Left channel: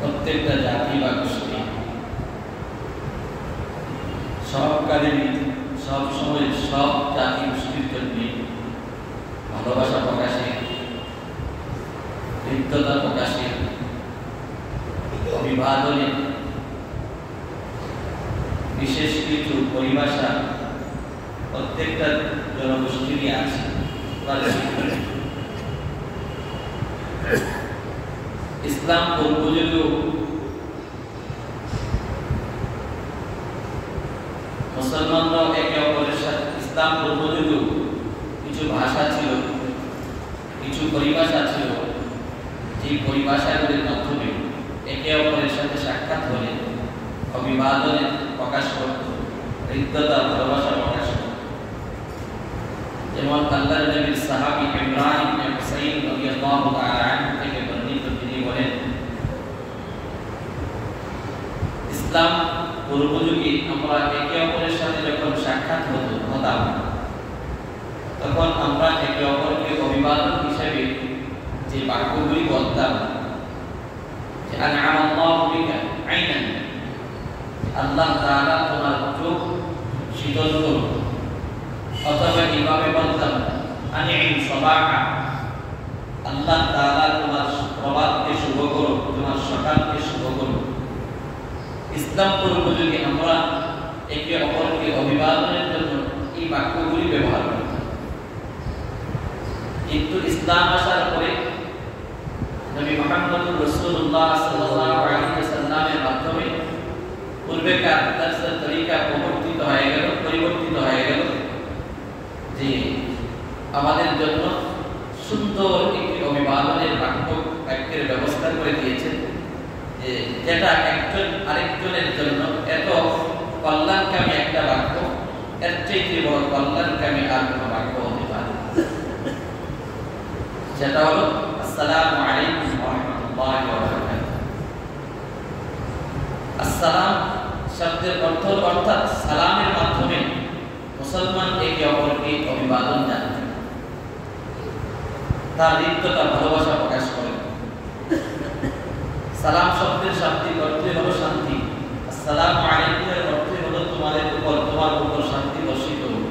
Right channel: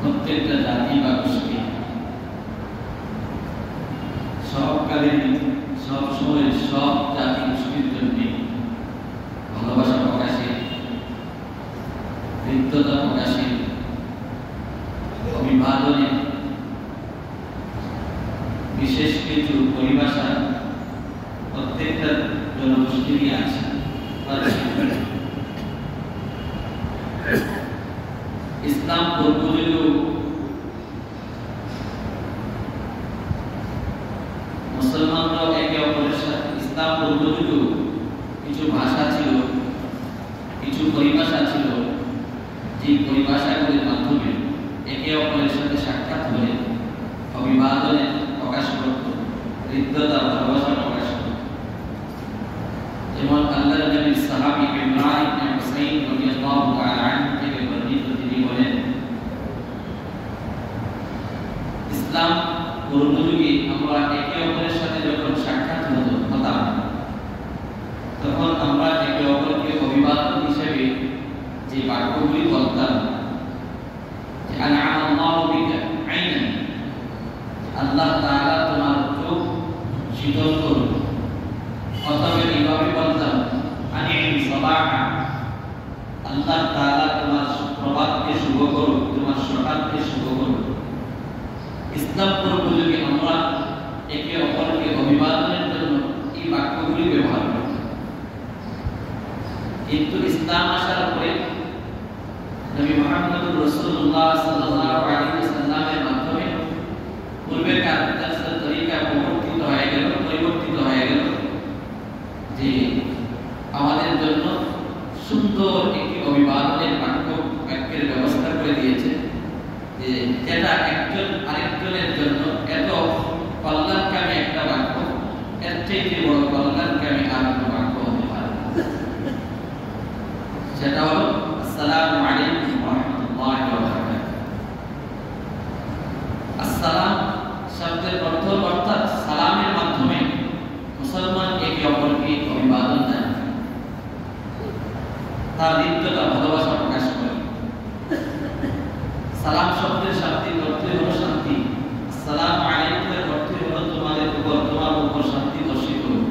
প্রত্যেকটা জাতি বা গোষ্ঠী সবকালীন সব সময় সব জাতি গোষ্ঠীর জন্য ভালোবাসা প্রকাশে, হৃদ্যতা প্রকাশে, অভিবাদনে বিশেষ কিছু পরিভাষা প্রত্যেকটা জনগোষ্ঠীরই আছে। ইসলাম পূর্বযুগেও মুসলমানরাও একে অপরের সাথে, ইসলাম পূর্বযুগেও কিছু ভাষা ছিল, কিছু পরিভাষা ছিল, যে পরিভাষাগুলির মাধ্যমে একে অপরের সাথে সাক্ষাৎ হলে অভিবাদনে প্রকাশ করত, হৃদ্যতা ভালোবাসা প্রকাশ করত। যেমন আল্লাহর নবীর সাহাবী ইমরান ইবনে হুসাইন রাদিয়াল্লাহু তাআলা আনহু থেকে বর্ণিত, তিনি বলেন, ইসলাম পূর্বযুগে আমরা একে অপরের সাথে যখন সাক্ষাৎ হতাম তখন আমরা একে অপরকে অভিবাদন হিসেবে যে বাক্যগুলি বলতাম, যে আনআমাল্লাহু বিকা আইনান, আল্লাহ তাআলা তোমার চোখ শীতল করুন, অথবা এইভাবে বলতাম আনিম সাবাহা, আল্লাহ তাআলা তোমার প্রভাতকে শুভ করুন, তোমার সকালকে শুভ করুন। ইসলাম পূর্বযুগে আমরা একে অপরকে অভিবাদনের জন্য এই বাক্যগুলি ব্যবহার করতাম, কিন্তু ইসলাম আসার পরে নবী মুহাম্মদ রাসূলুল্লাহ সাল্লাল্লাহু আলাইহি ওয়াসাল্লামের মাধ্যমে পূর্বেকার তরিকা পরিবর্তিত হয়ে গেল, যে আমাদের জন্য সুন্দর একটি অভিবাদনের বাক্যের ব্যবস্থা করে দিয়েছে, যে যেটা একজন আরেকজনের জন্য এত কল্যাণকামী একটা বাক্য, এর চাইতে বড় কল্যাণকামী আর কোনো বাক্য হতে পারে। সেটা হলো আসসালামু আলাইকুম ওয়া রাহমাতুল্লাহি ওয়া বারাকাতুহু। আসসালাম শব্দের অর্থ অর্থাৎ সালামের মাধ্যমে মুসলমান একে অপরকে অভিবাদন জানায়, তার হৃদয়টা ভালোবাসা প্রকাশ করে। সালাম শব্দের শান্তির অর্থই হলো শান্তি। আসসালামু আলাইকুম এর অর্থ হলো তোমার উপর শান্তি বর্ষিত হোক।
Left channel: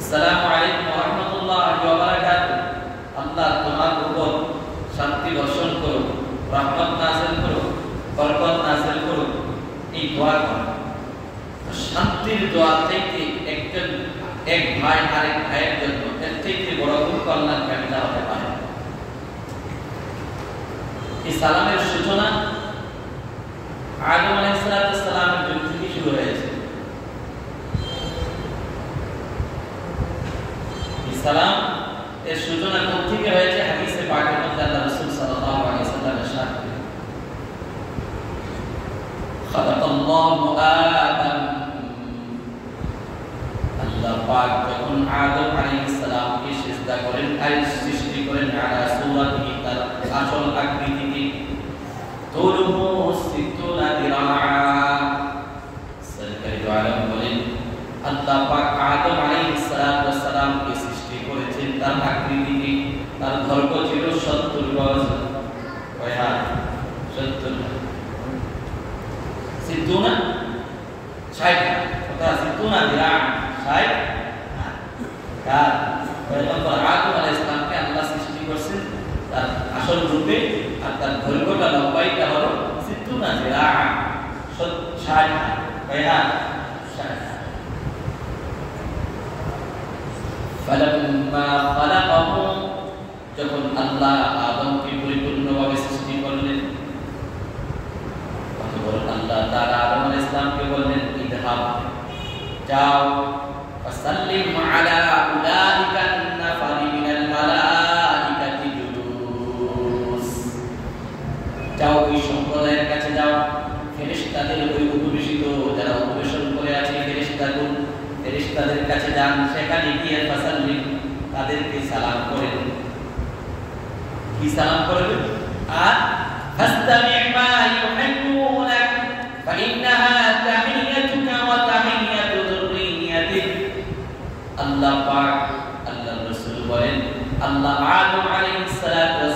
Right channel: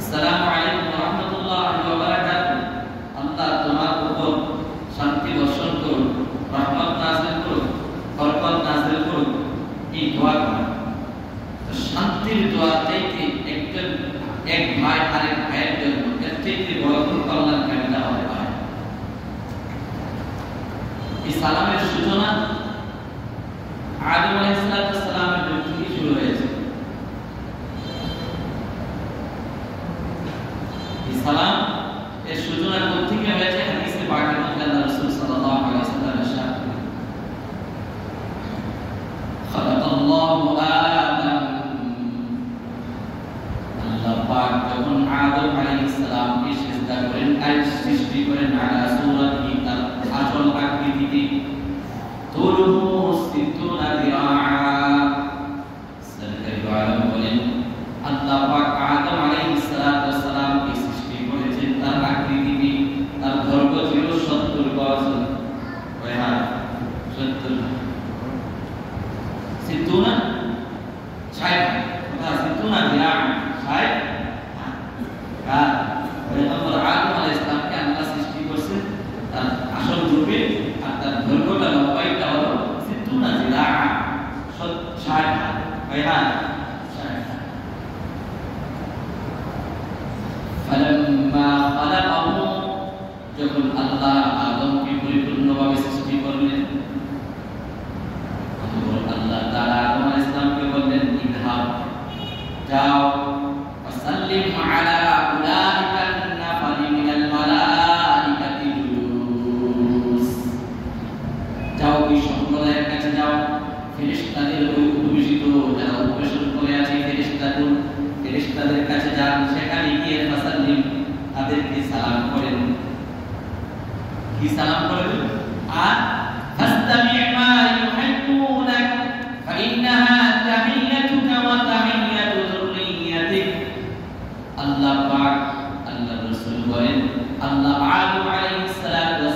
আসসালামু আলাইকুম ওয়া রাহমাতুল্লাহি ওয়া বারাকাতুহু, আল্লাহ তোমার উপর শান্তি বর্ষণ করুক, রহমত নাযিল করুক, বরকত নাযিল করুক, এই দোয়া করে। তো শান্তির দোয়া চাইতে এক ভাই আরেক ভাইয়ের জন্য এর থেকে বড় কোনো কল্যাণ কামনা হতে পারে। এই সালামের সূচনা আদম আলাইহিস সালামের যুগ থেকে শুরু হয়েছে। এই সালাম এর সূচনা কোথা থেকে হয়েছে? হাদিসে পাকের মধ্যে আল্লাহ রাসূল সাল্লাল্লাহু আলাইহি ওয়াসাল্লাম ইরশাদ করেন, খালাকাল্লাহু আদম, আল্লাহ পাক যখন আদম আলাইহিস সালামকে সিজদা করেন আর সৃষ্টি করেন আলা সূরাতিহি, তার আসল আকৃতিতে, তুলুহু সিত্তুনা দিরাআ, সরকারি আলম বলেন আল্লাহ পাক আদম আলাইহিস সালামকে সৃষ্টি করেছেন তার আকৃতিতে, তার দৈর্ঘ্য ছিল 70 গজ, কয় হাত? 70 হাত। সিত্তুনা 60 হাত, অর্থাৎ সিত্তুনা দিরাআ 60 হাত। কার? পয়গম্বর আদম আলাইহিস সালামকে আল্লাহ সৃষ্টি করেছেন তার আসল রূপে, আর তার দৈর্ঘ্যটা লম্বাইটা হলো সিত্তুনা দিরাআ 60 হাত। কয় হাত? 60 হাত। ফালাম্মা খালাকাহু, যখন আল্লাহ আদমকে পরিপূর্ণভাবে সৃষ্টি করলেন, তখন আল্লাহ তাআলা আদম আলাইহিস সালামকে বললেন, ইযহাব, যাও, ফাসাল্লিম আলা উলাইকা নাফারি মিনাল মালাইকাতি জুলুস, যাও ওই সম্প্রদায়ের কাছে যাও, ফেরেশতাদের ওই উপবিষ্ট যারা উপবেশন করে আছে ফেরেশতাদের কাছে যান, সেখানে গিয়ে ফাসাল্লিম, তাদেরকে সালাম করে দেন। কি সালাম করবেন? আর ফাস্তামি' মা ইউহিব্বুনা ফাইন্নাহা তাহিয়াতুকা ওয়া তাহিয়াতু যুররিয়াতিক। আল্লাহ পাক, আল্লাহর রাসূল বলেন, আল্লাহ আদম আলাইহিস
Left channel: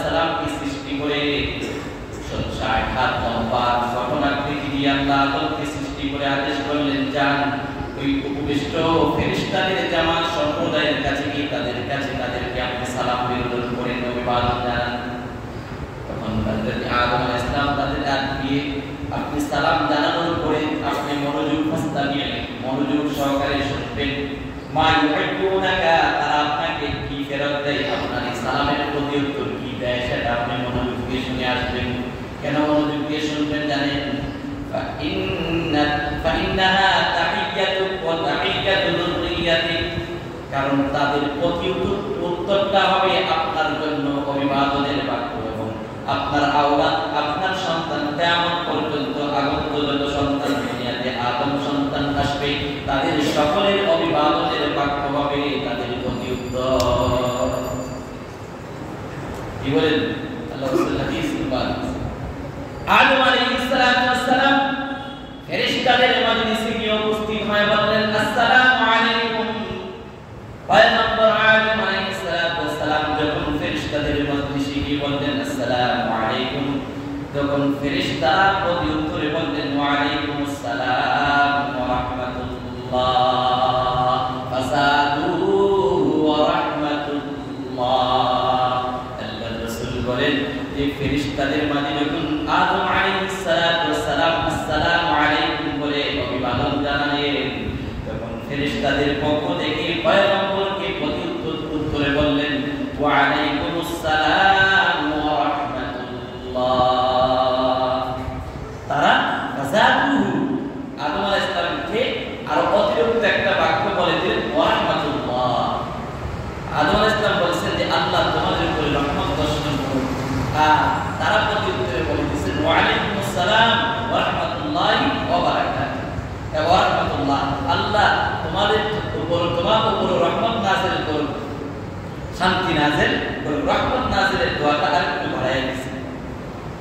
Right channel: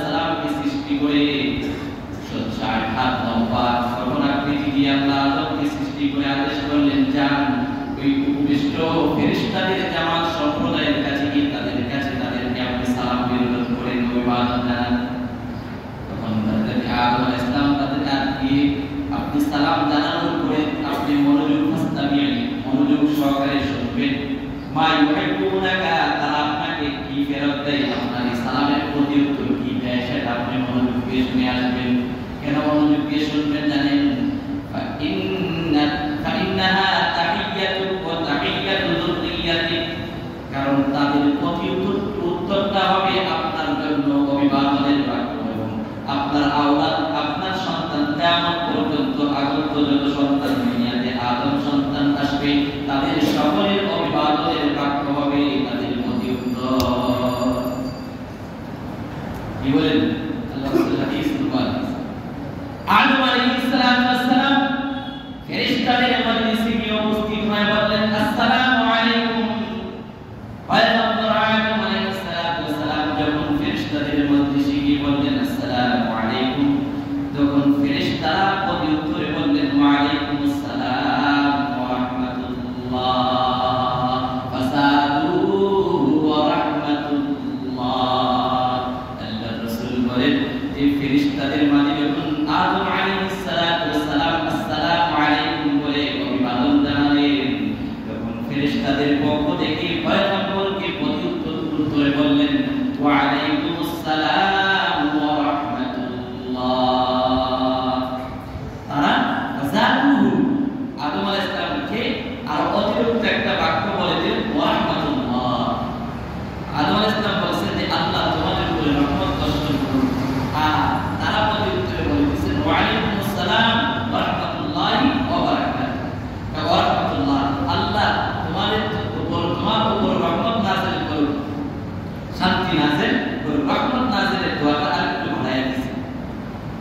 সালামকে সৃষ্টি করে 60 হাত লম্বা গঠন আকৃতি দিয়ে আল্লাহ আদমকে সৃষ্টি করে আদেশ করলেন, যান ওই উপবিষ্ট ফেরেশতাদের জামাত সম্প্রদায়ের কাছে গিয়ে তাদেরকে আপনি সালাম বিতরণ করেন, অভিবাদন জানান। তখন হযরত আদম আলাইহিস সালাম তাদের ডাক দিয়ে আপনি সালাম জানানোর পরে আপনি মনোযোগ সহকারে শুনবেন। মা ইউহিব্বুনাকা, তারা আপনাকে কি ফেরত দেয়, আপনার এই সালামের প্রতি উত্তর কি দেয়, সেটা আপনি মনোযোগ দিয়ে শুনে আসবেন। কেন মনোযোগ দিয়ে শুনবেন জানেন? ফাইন্নাহা তাহিয়াতু ওয়া তাহিয়াতু যুররিয়াতিক, কারণ তাদের প্রতি উত্তরটা হবে আপনার জন্য অভিবাদনের বাক্য, এবং আপনার আওলাদ, আপনার সন্তান কিয়ামত পর্যন্ত আগত যত সন্তান দুনিয়াতে আদম সন্তান আসবে, তাদের সকলের অভিবাদনের বাক্য হবে তাদের প্রতি উত্তর। কি বলেন আল্লাহ রাসূল হাদিস বলেন, আদম আলাইহিস সালাম ফেরেশতাদের মজলিসে গিয়ে উপস্থিত হয়ে বললেন, আসসালামু আলাইকুম। পয়গম্বর আদম আলাইহিস সালাম যখন ফেরেশতাদের মজলিসে গিয়ে বললেন আসসালামু আলাইকুম, তখন ফেরেশতারা প্রতি উত্তরে বললেন ওয়া আলাইকুমুস সালাম ওয়া রাহমাতুল্লাহ ফাসাদু ওয়া রাহমাতুল্লাহ। আল্লাহর রাসূল বলেন, এই ফেরেশতাদের মাঝে যখন আদম আলাইহিস সালাম আসসালামু আলাইকুম বলে অভিবাদন জানালেন, তখন ফেরেশতাদের পক্ষ থেকে পয়গম্বরকে প্রতি উত্তরে বললেন ওয়া আলাইকুমুস সালাম ওয়া রাহমাতুল্লাহ। তারা ফাসাদুহু, আদম আলাইহিস সালামকে আর অতিরিক্ত একটা বাক্য বলে দিলেন ওয়া রাহমাতুল্লাহ। আদম আলাইহিস সালাম বলেছেন যে আল্লাহ তোমাদের উপরে রহমত বর্ষণ করুন, আর তারা প্রতি উত্তরে বলে দিয়েছেন ওয়া আলাইকুমুস সালাম ওয়া রাহমাতুল্লাহি ওয়া বারাকাতুহু। ওয়া রাহমাতুল্লাহ, আল্লাহ তোমার উপর রহমত নাযিল করুন, শান্তি নাযিল করুন। রহমত নাযিলের দোয়াটা আরেকটু বাড়ায় দিয়েছে।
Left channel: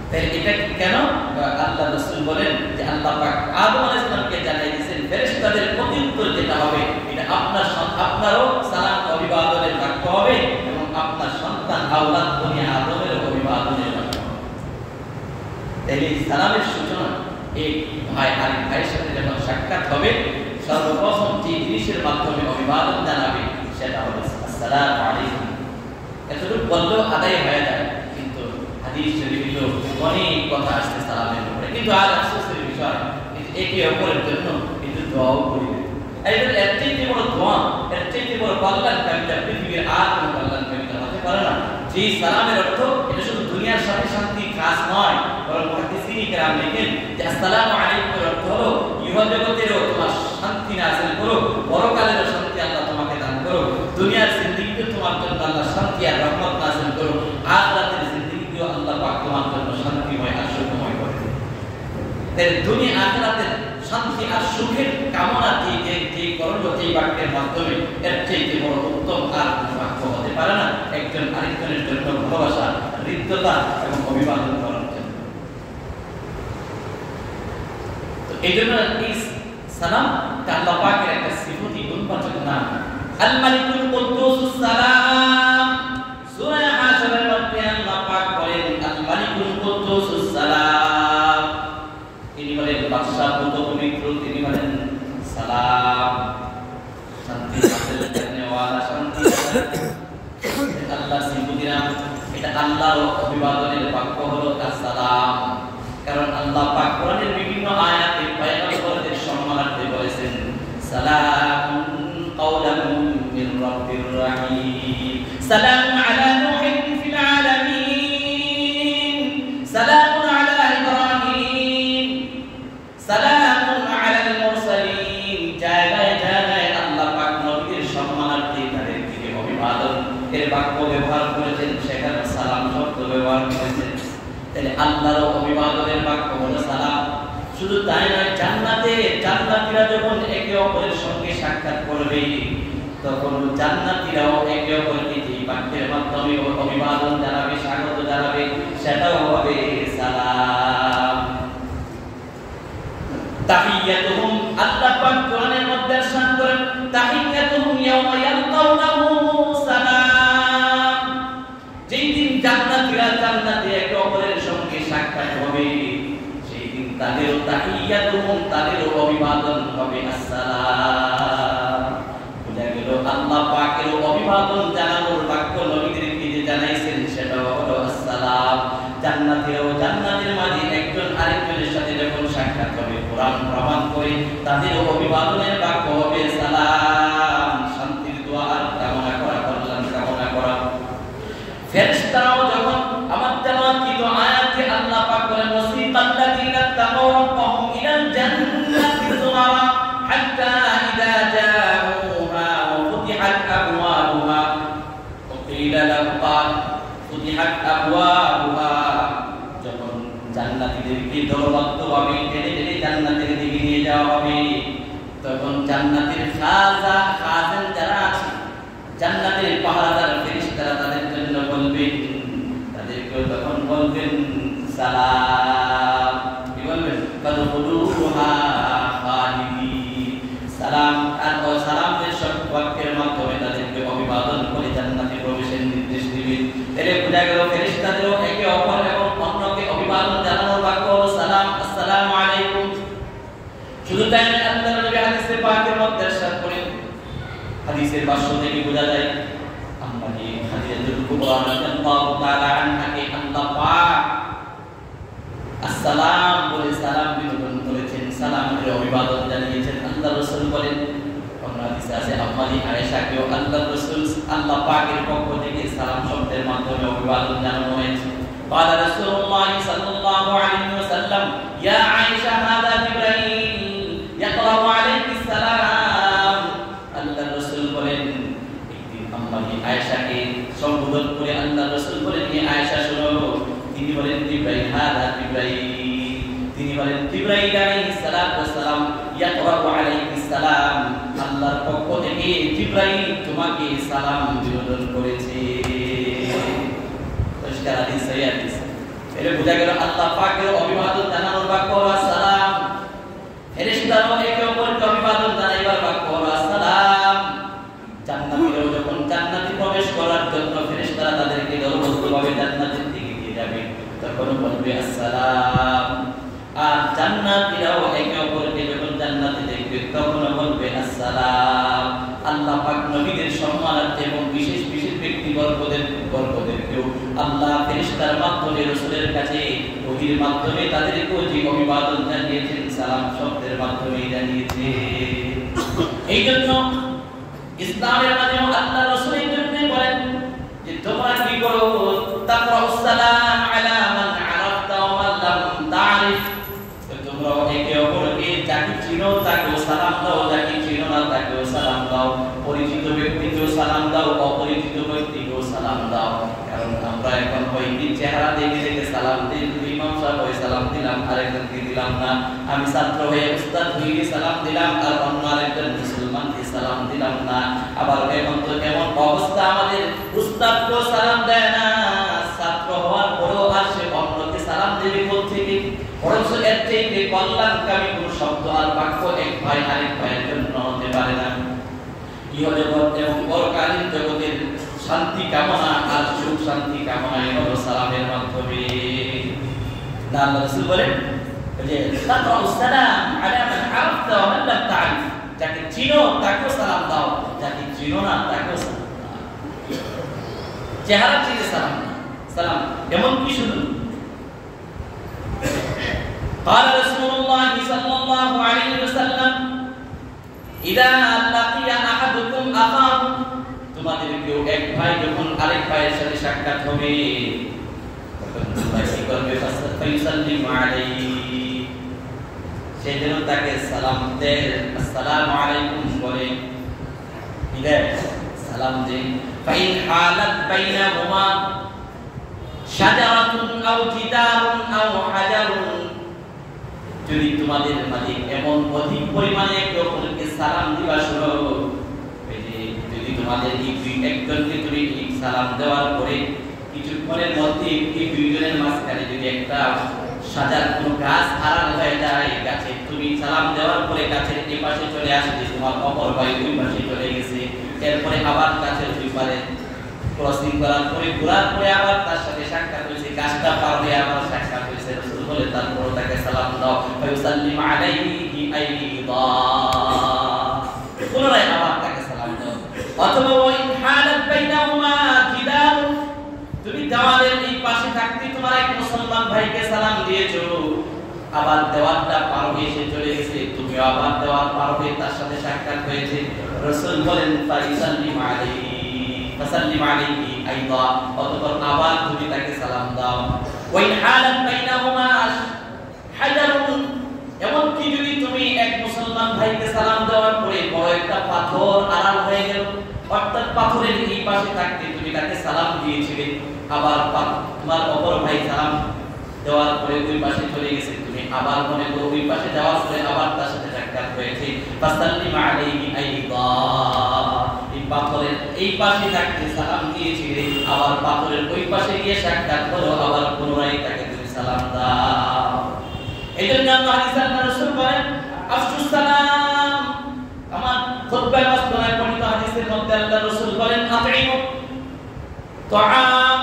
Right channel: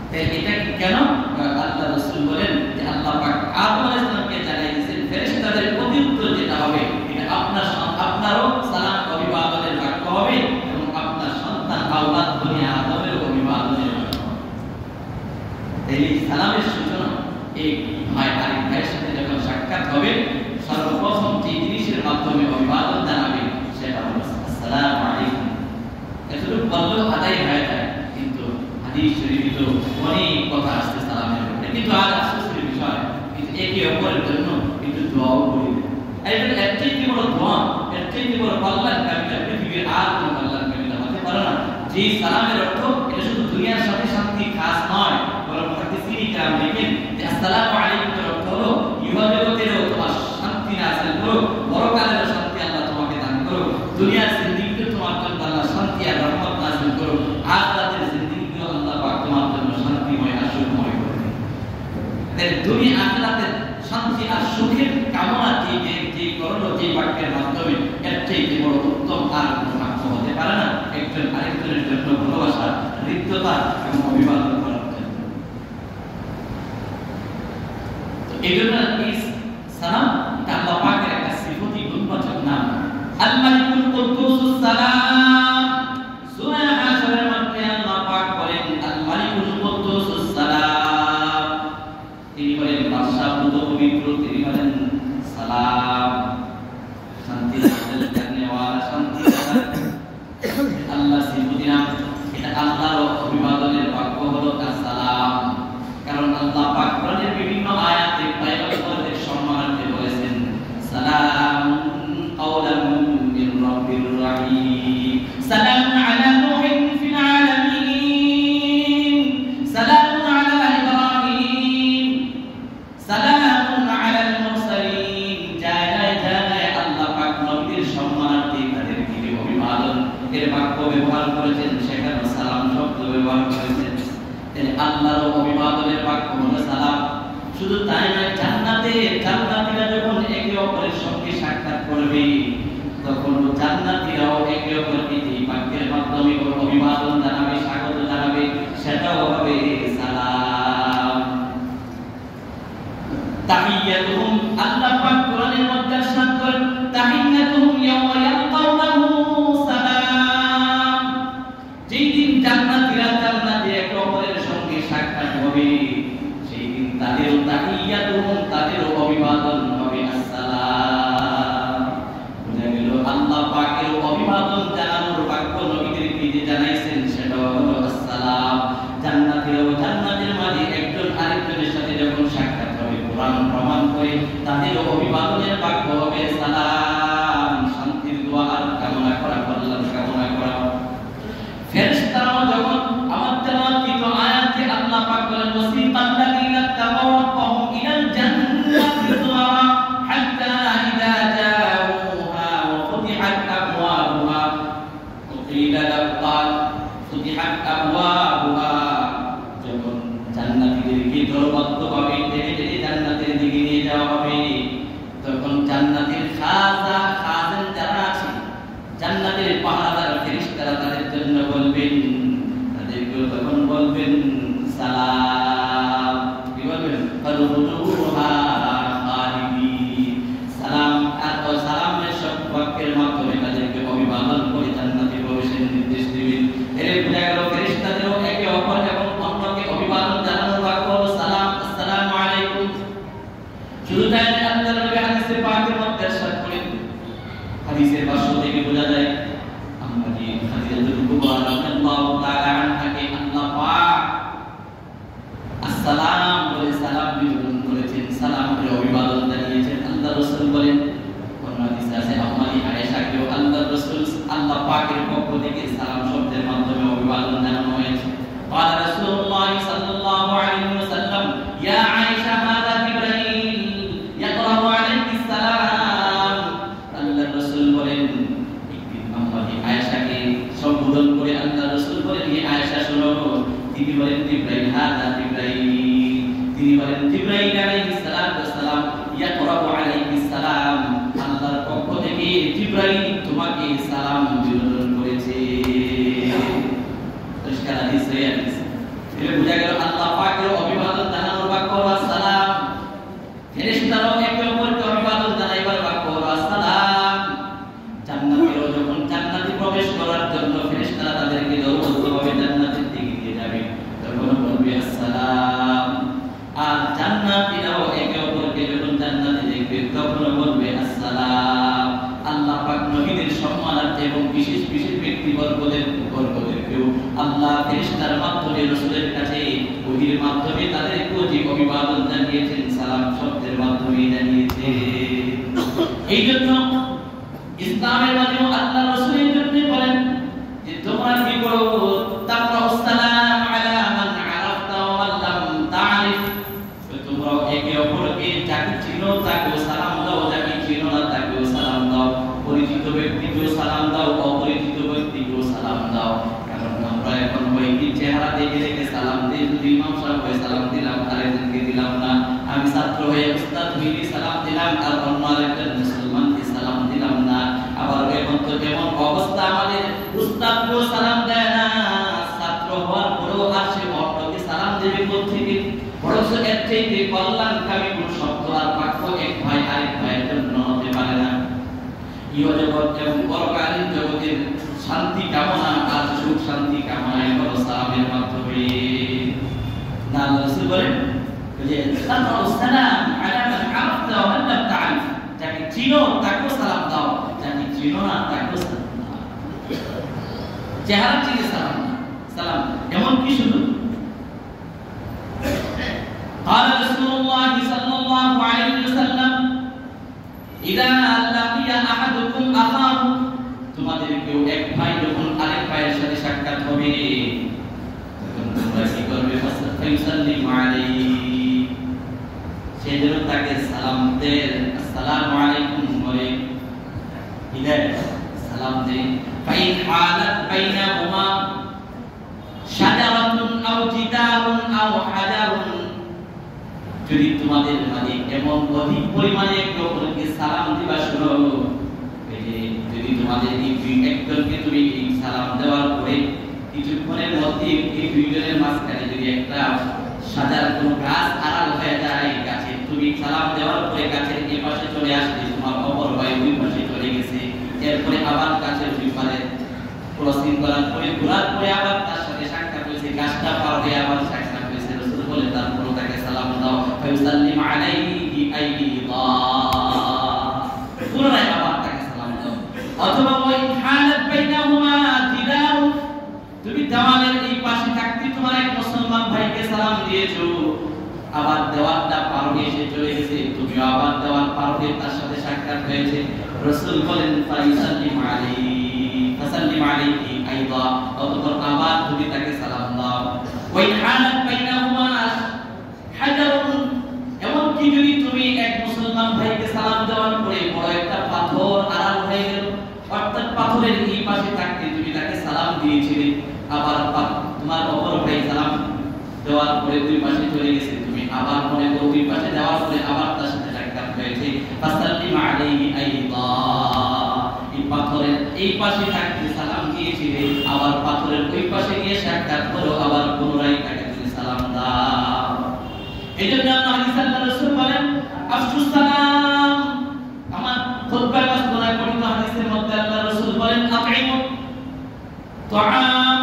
তাই এটা কেন? আল্লাহ রাসূল বলেন যে আল্লাহ পাক আদম আলাইহিস সালামকে জানিয়ে দিয়েছেন ফেরেশতাদের প্রতি উত্তর যেটা হবে আপনারও সালাম অভিবাদনের বাক্য হবে এবং আপনার সন্তান আওলাদ বনি আদমের অভিবাদনের বাক্য হবে। তাহলে সালামের সূচনা এই ভাই আরেক ভাইয়ের সাথে যখন সাক্ষাৎ হবে সর্বপ্রথম যে জিনিসের মাধ্যমে অভিবাদন জানাবে সেটা হলো আসসালামু আলাইকুম। এতটুকু বললেও আদায় হয়ে যায়, কিন্তু হাদিস শরীফে অনেক কথা আসছে সালামের ব্যাপারে, কিন্তু আজ আফসোসের বিষয় একে অপরের জন্য কিন্তু দোয়াও করি। এইবার এর থেকে বড় দোয়া, এর থেকে বড় কল্যাণকারীতা পৃথিবীর আর কোনো কল্যাণকারীতা হতে পারে না। যে সালামের অর্থ এটা শুধু দুনিয়ার সাথে শান্তি খাস নয়, বরং মুহাদ্দিসিন কিরাম লেখেন যে আসসালামু আলাইকুম এর অর্থ হলো ইহজগতেরও তোমার শান্তি নাযিল করো, পরকালের শান্তি আল্লাহ তোমাকে দান করো, দুনিয়ার জিন্দেগিতে তোমার জন্য আল্লাহ শান্তি আর রহমত নাযিল করো, আখিরাতের জিন্দেগিতেও আল্লাহ পাক তোমার জন্য শান্তিময় আর সুখময় করে দেন। তাই দুনিয়া আখিরাতের শান্তি আর সুখের কামনা যে করলো যে বাক্যের মাধ্যমে এর চেয়ে বড় উত্তম আর কোনো বাক্য হতে পারে না একজন আরেকজনের জন্য ভালোবাসা, হৃদ্যতা এবং অভিবাদন করার জন্য। তো এই জন্য এই সালাম আল্লাহ পাকের একটা সিফতি গুণবাচক নাম আল মালিকুল কুদ্দুসুস সালাম। সূরা হাশরের মধ্যে আল্লাহ পাক বলেন আল মালিকুল কুদ্দুসুস সালাম, তিনি হলেন বাদশা পুত পবিত্র, তিনি হলেন সালাম, শান্তি হাসিল করনে ওয়ালা, শান্তি আল্লাহ সিফতি নাম। এটা আল্লাহর অভিবাদনের বাক্য হলো আসসালাম, কারণ আল্লাহ পাক কোরআনের বিভিন্ন আয়াতে পয়গম্বরদের সম্মানার্থে বলেছেন সালামুন কাওলাম মির রাব্বির রহিম, সালামুন আলা নূহিন ফিল আলামিন, সালামুন আলা ইব্রাহিম, সালামুন আলাল মুরসালিন। জায়গায় জায়গায় আল্লাহ পাক নবীদের সম্মানার্থে তাদেরকে অভিবাদন এর বাক্য ব্যবহার করেছেন, সেখানে সালাম শব্দ ব্যবহার করেছেন। তাহলে আল্লাহর অভিবাদনের বাক্য হলো সালাম। শুধু তাই নয়, জান্নাতীরা যখন একে অপরের সঙ্গে সাক্ষাৎ করবে তখন জান্নাতীরাও একে অপরকে এই বাক্যের মাধ্যমে অভিবাদন জানাবে, স্বাগত জানাবে, সেটাও হবে সালাম। তাহিয়াতুহুম, আল্লাহ পাক কোরআনের মধ্যে ارشاد করেন তাহিয়াতুহুম ইয়াওমা ইয়ালকাউনাহু সালাম। যেই দিন জান্নাতীরা জান্নাতে একে অপরের সঙ্গে সাক্ষাৎ হবে সেই দিন তাদেরও তাহিয়াতুহুম, তাদেরও অভিবাদন হবে আসসালাম। বুঝা গেল আল্লাহ পাকের অভিবাদন জানানোর বাক্য নবীদেরকে যে জানাইছেন সেটাও হলো আসসালাম। জান্নাতীরাও জান্নাতের মাঝে একজন আরেকজনের সাথে যখন সাক্ষাৎ হবে কোরআন প্রমাণ করে তাদের অভিবাদনের বাক্য হবে সালাম, শান্তির দোয়া আর কামনা করা, কল্যাণ কামনা করা। ফেরেশতারাও যখন আমার তেলাওয়াতকৃত আয়াতে আল্লাহ পাক বলেন ওয়াসিকাল্লাযীনা তাকাউ রাব্বাহুম ইলাল জান্নাতি যুমারা হাত্তা ইযা জাউহা ওয়া ফুতিহাত আবওয়াবুহা ওয়া কিলা লাহুম ফুতিহাত আবওয়াবুহা। যখন জান্নাতীদেরকে দলবদ্ধভাবে টেনে টেনে জান্নাতের দিকে নিয়ে যাওয়া হবে তখন জান্নাতের খাজান যারা আছে, জান্নাতের পাহারাদার ফেরেশতারা তাদের জন্য বলবেন, তাদেরকে তখন বলবেন সালাম। কি বলবেন? ফাদখুলুহা খালিদিন। সালাম আর সালামের বাক্যের মাধ্যমে তাদেরকে অভিবাদন করে জান্নাতে প্রবেশের নির্দেশ দিবেন। এর বোঝা গেল ফেরেশতাদেরও একে অপর এবং অন্যকে অভিবাদন জানানোর বাক্য হলো সালাম, আসসালামু আলাইকুম। শুধু তাই নয়, আল্লাহর নবী হাদিসে পাকের মধ্যে ارشاد করেন, হাদিসের ভাষ্য থেকে বোঝা যায় আম্মা জি খাদিজাতুল কুবরা রাদিয়াল্লাহু তাআলা আনহাকে আল্লাহ পাক আসসালাম বলে সালাম বিতরণ করেছেন, সালামের অভিবাদন জানিয়েছেন। আল্লাহ রাসূল বলেন অন্য হাদিসে আছে আম্মা জি আয়েশাকেও আল্লাহ রাসূল আল্লাহ পাকের পক্ষ থেকে সালাম শব্দের মাধ্যমে অভিবাদন জানানো হয়েছে। قال رسول الله صلى الله عليه وسلم يا عائشة هذا جبريل يقرأ عليك السلام। আল্লাহ রাসূল বলেন একদিন আম্মা জি আয়েশাকে সম্বোধন করে আল্লাহ রাসূল বলেন হে আয়েশা শোনো, তিনি বলেন জিবরাইল হাদা জিবরাইল, তিনি বলেন জিবরাইল আলাইহিস সালাম ইয়াকরা আলাইহিস সালাম, আল্লাহর পক্ষ থেকে জিবরাইল তোমাকে সালাম বিতরণ করেছে। পরিষ্কার হাদিস, সহিহ হাদিস। এর বোঝা গেল আল্লাহ পাকের অভিবাদন জানানোর বাক্য হলো আসসালাম, ফেরেশতারাও একে অপরকে অভিবাদন জানাইবার বাক্য হলো আসসালাম। জান্নাতীরাও যখন জান্নাতে প্রবেশ করার জন্য ফেরেশতারা তাদেরকে দলবদ্ধভাবে জান্নাতের দিকে নিয়ে যাবে, তখন বলবে আসসালাম। আর জান্নাতীরাও একে অপরকে যখন জান্নাতে দেখবে তখন বলবে আসসালাম। আল্লাহ পাক নবীদের সম্মানার্থে এবং বিশেষ বিশেষ ব্যক্তিবর্গদেরকেও আল্লাহ ফেরেশতার মাধ্যমে রাসূলের কাছে ওহীর মাধ্যমে তাদেরকে যে অভিবাদন জানিয়েছেন সালাম শব্দের মাধ্যমে জানিয়েছে। এই জন্য ইসলামের মাধ্যমে আল্লাহ রাসূলের জন্য বলেন যে তোমরা কি করো, তাকরাউস সালাম আলা মান আরাফতা ওয়া মান লাম তারিফ। তোমরা একে অপরকে যাকে চিনো তাকেও সালাম দাও, যাকে চিনো না তাকেও সালাম দাও, পরিচিত ব্যক্তিকেও সালাম দাও, অপরিচিত ব্যক্তিকেও সালাম দাও। কারণ আমরা এখন হয়তো চেহারা দেখে দেখে সালাম দিই, যদি ইমাম সাহেব হয়ে সালাম দিলাম আরেকজনকে দিলাম না, আমি ছাত্র হয়ে উস্তাদ হয়ে সালাম দিলাম আর অন্য আরেকজন মুসলমানকে সালাম দিলাম না। আবার এখন তো এমন অবস্থা আমাদের উস্তাদকেও সালাম দেয় না, ছাত্র হওয়ার পরেও আর সে অন্যকে সালাম দেবে কোত্থেকে? বরং এর চাইতে কল্যাণকামী কোন শব্দ আর বাক্য এক ভাই আরেক ভাইয়ের জন্য হতে পারে না। ইহজগৎ এবং পরকালীন জগতের শান্তি কামনা আর সুখ শান্তি কামনাই হলো সালামের মাধ্যমে। আল্লাহ রাসূল বলেন যে তাকরাউস সালাম আলা মান আরাফতা ওয়া মান লাম তারিফ। যাকে চিনো তাকেও সালাম দাও, যাকে চিনো না তাকেও সালাম দাও। চেহারা চিনে সালাম সালাম এমন কি শুধু قال رسول الله صلى الله عليه وسلم إذا لقي أحدكم أخاه, তোমাদের কেউ এক ভাই যখন আরেক ভাইয়ের সাথে সাক্ষাৎ হবে তখন তোমরা কি করবে? ফাসাল্লিমু আলাইহি, সে যেন তাকে সালাম দেয়, আসসালামু আলাইকুম বলে, সালাম দেন। ফাইন হালাত বাইনাহুমা শাজারাতুন আও জিদারুন আও হাজারুন, যদি তোমাদের মাঝে এমন অধিক পরিমাণে কাউকে সালাম দিবা শুনো, যদি তোমাদের একজনকে তুমি সালাম দেওয়ার পরে কিছুক্ষণের মধ্যে এই দুইজনের মাঝখানে যদি একটা সাজার কোনো গাছ হারানো হয়ে যায়, গাছে তুমি সালাম দেওয়ার পরে গাছের এই পাশে চলে আসে, তোমার অপর ভাই দুই পাশে চলে গেছে, এরপরে আবার গাছের দুই পারে ক্রসিং করার পরে ঘোরার পরে আবার তার সাথে সাক্ষাৎ হয়েছে, গাছটা পার হয়ে আবার সাক্ষাৎ হয়েছে, রাসূল বলে তারপর তাকে সালাম দাও। ফায়ুসাল্লিম আলাইহি আইদা, পুনরায় আবার তাকে সালাম দাও। অথবা ওয়াইন হালাত বাইনাহুমা জিদার, তুমি দেওয়ালের এই পাশে থাকতে তোমার এক মুসলমান ভাইকে সালাম দিয়েছো, আবার দেওয়ালটা পার হয়ে এসে চলে গেছে, তুমি আবার দেওয়াল পার হয়ে তার সাথে সাক্ষাৎ হয়েছে, রাসূল বলেন ফায়ুসাল্লিম আলাইহি ফাসাল্লিম আলাইহি আইদা, অতঃপর আবার তুমি তাকে সালাম দাও। ওয়াইন হালাত বাইনাহুমা হাজারুন, এমন কি যদি তুমি এক মুসলমান ভাইকে সালাম দেওয়ার পরে বড় একটা পাথর আড়াল হয়ে গেল, অর্থাৎ পাথরের এই পাশে থাকতে তুমি তাকে সালাম দিয়েছিলে, আবার তোমার অপর ভাই সালাম দেওয়ার পরে দুই পাশে চলে গেছে, তুমি আবার মনে করো দুই পাশে যাওয়ার পরে আবার তার সাথে সাক্ষাৎ হয়েছে, ফাসাল্লিম আলাইহি আইদা, এই পাথরের এই পাশে থাকতে সালাম দিয়েছিলে, আবার পাথরের ওই পাশে গিয়ে সাক্ষাৎ হলো, আবার পুনরায় তাকে তুমি সালাম দাও। এইজন্য আল্লাহ হাদিসে রাসূল বলেন আফশুস সালাম। আমার খুতবায় মাসদুরায় পড়িত হাদিসের মধ্যে আল্লাহ রাসূল বলেন আতঈমু তাআম,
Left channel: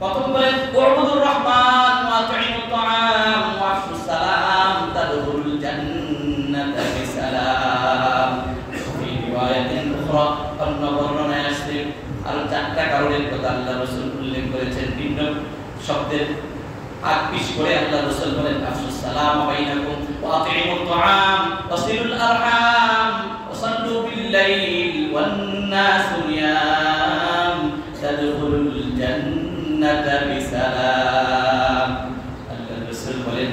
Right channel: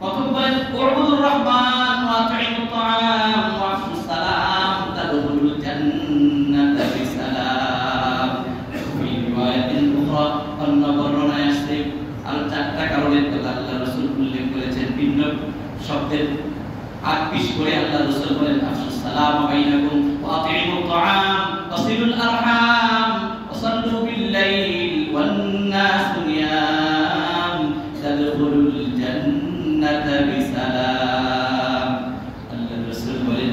প্রথম বলেন উবুদুর রহমান ওয়া আতঈমু তাআম ওয়া আফশুস সালাম তাদখুলুল জান্নাতা বিসালাম। এই রিওয়ায়াতিন উখরা অন্য বর্ণনায় আসছে আরো চারটা কারণের কথা আল্লাহ রাসূল উল্লেখ করেছেন, ভিন্ন শব্দের আপিস করে আল্লাহ রাসূল বলেন আফশুস সালাম বাইনাকুম ওয়া আতিমুত তাআম ওয়াসিলুল আরহাম ওয়াসাল্লু বিল লাইল ওয়ান নাসু নিয়াম তাদখুলুল জান্নাতা বিসালাম। আল্লাহ রাসূল বলেন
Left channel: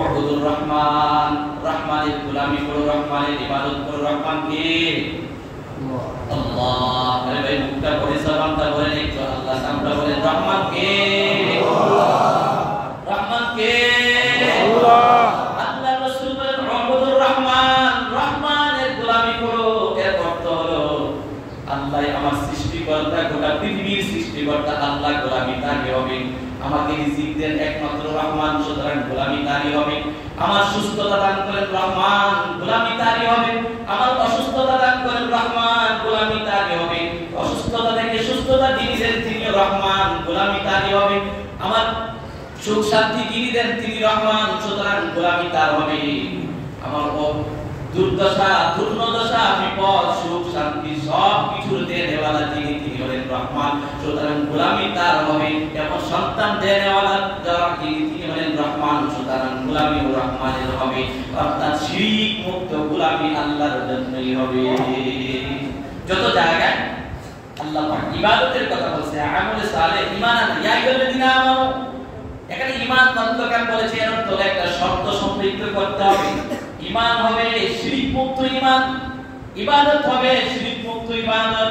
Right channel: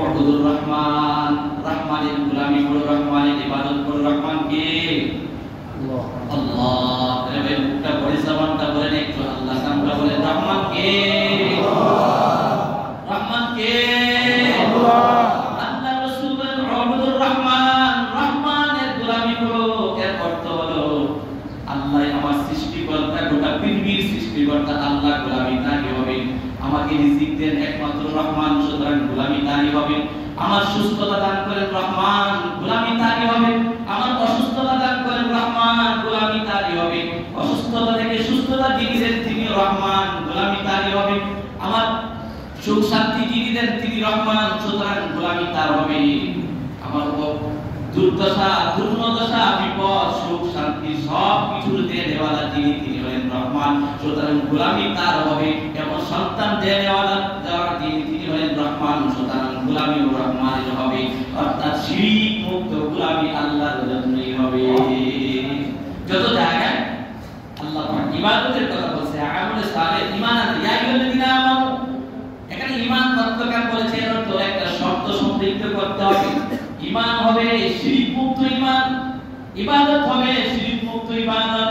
উবুদুর রহমান, রহমানের গোলামি করো, রহমানের ইবাদত করো। রহমান কে? আল্লাহ। আরে ভাই মুখটা বলে জবানটা বলেন একটু আল্লাহ নামটা বলেন, রহমান কে? রহমান কে? আল্লাহ। আল্লাহ রাসূল বলেন উবুদুর রহমান, রহমানের গোলামি করো। এর অর্থ হলো আল্লাহ আমার সৃষ্টিকর্তা, গোটা পৃথিবীর সৃষ্টিকর্তা আল্লাহ, গোলামি তারই হবে। আমাকে রিজিক দেন একমাত্র রহমান, সুতরাং গোলামি তারই হবে। আমার সুস্থতা দান করেন রহমান, গোলামি তারই হবে। আমার অসুস্থতা দান করেন রহমান, গোলামি তারই যিনি দেন তিনি রহমান, গোলামি তারই হবে। আমার সুখ শান্তি যিনি দেন তিনি রহমান, সুতরাং গোলামি তার হবে। আমার দুর্দশা, দুর্দশা, বিপদ, সুখ শান্তি সব কিছুর দেনেওয়ালা যিনি তিনি হলেন রহমান, সুতরাং গোলামি তার হবে। এবং সন্তান দেনেওয়ালা যারা যিনি তিনি হলেন রহমান, সুতরাং গোলামি ও রহমানের হবে। অর্থাৎ শিরক মুক্ত গোলামি আল্লাহর জন্যই হবে। যত জায়গায় আল্লাহ পাক ইবাদতের কথা বলছে, আমলে সালেহ, ঈমান ইয়া আইয়ুহাল্লাযীনা আমানু, এখানে ঈমান মতলকার বলেছে, এর অর্থ একটা শর্ত সম্পৃক্ত করতে হবে। ঈমান হবে শিরক মুক্ত ঈমান, ইবাদত হবে শিরক মুক্ত ইবাদত।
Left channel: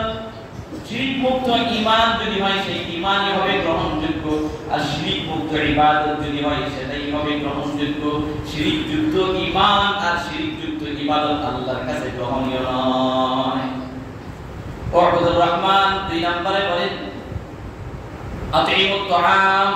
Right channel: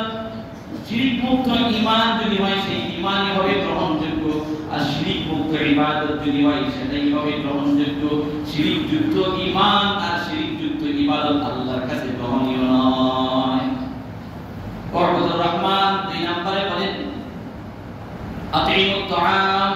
শিরক মুক্ত ঈমান যদি হয় সেই ঈমানই হবে গ্রহণযোগ্য, আর শিরক মুক্ত ইবাদত যদি হয় সেটাই হবে গ্রহণযোগ্য। শিরক যুক্ত ঈমান আর শিরক যুক্ত ইবাদত আল্লাহর কাছে গ্রহণীয় নয়। ওয়াবুদুর রহমান 2 নম্বরে বলেন আতিমুত তাআম,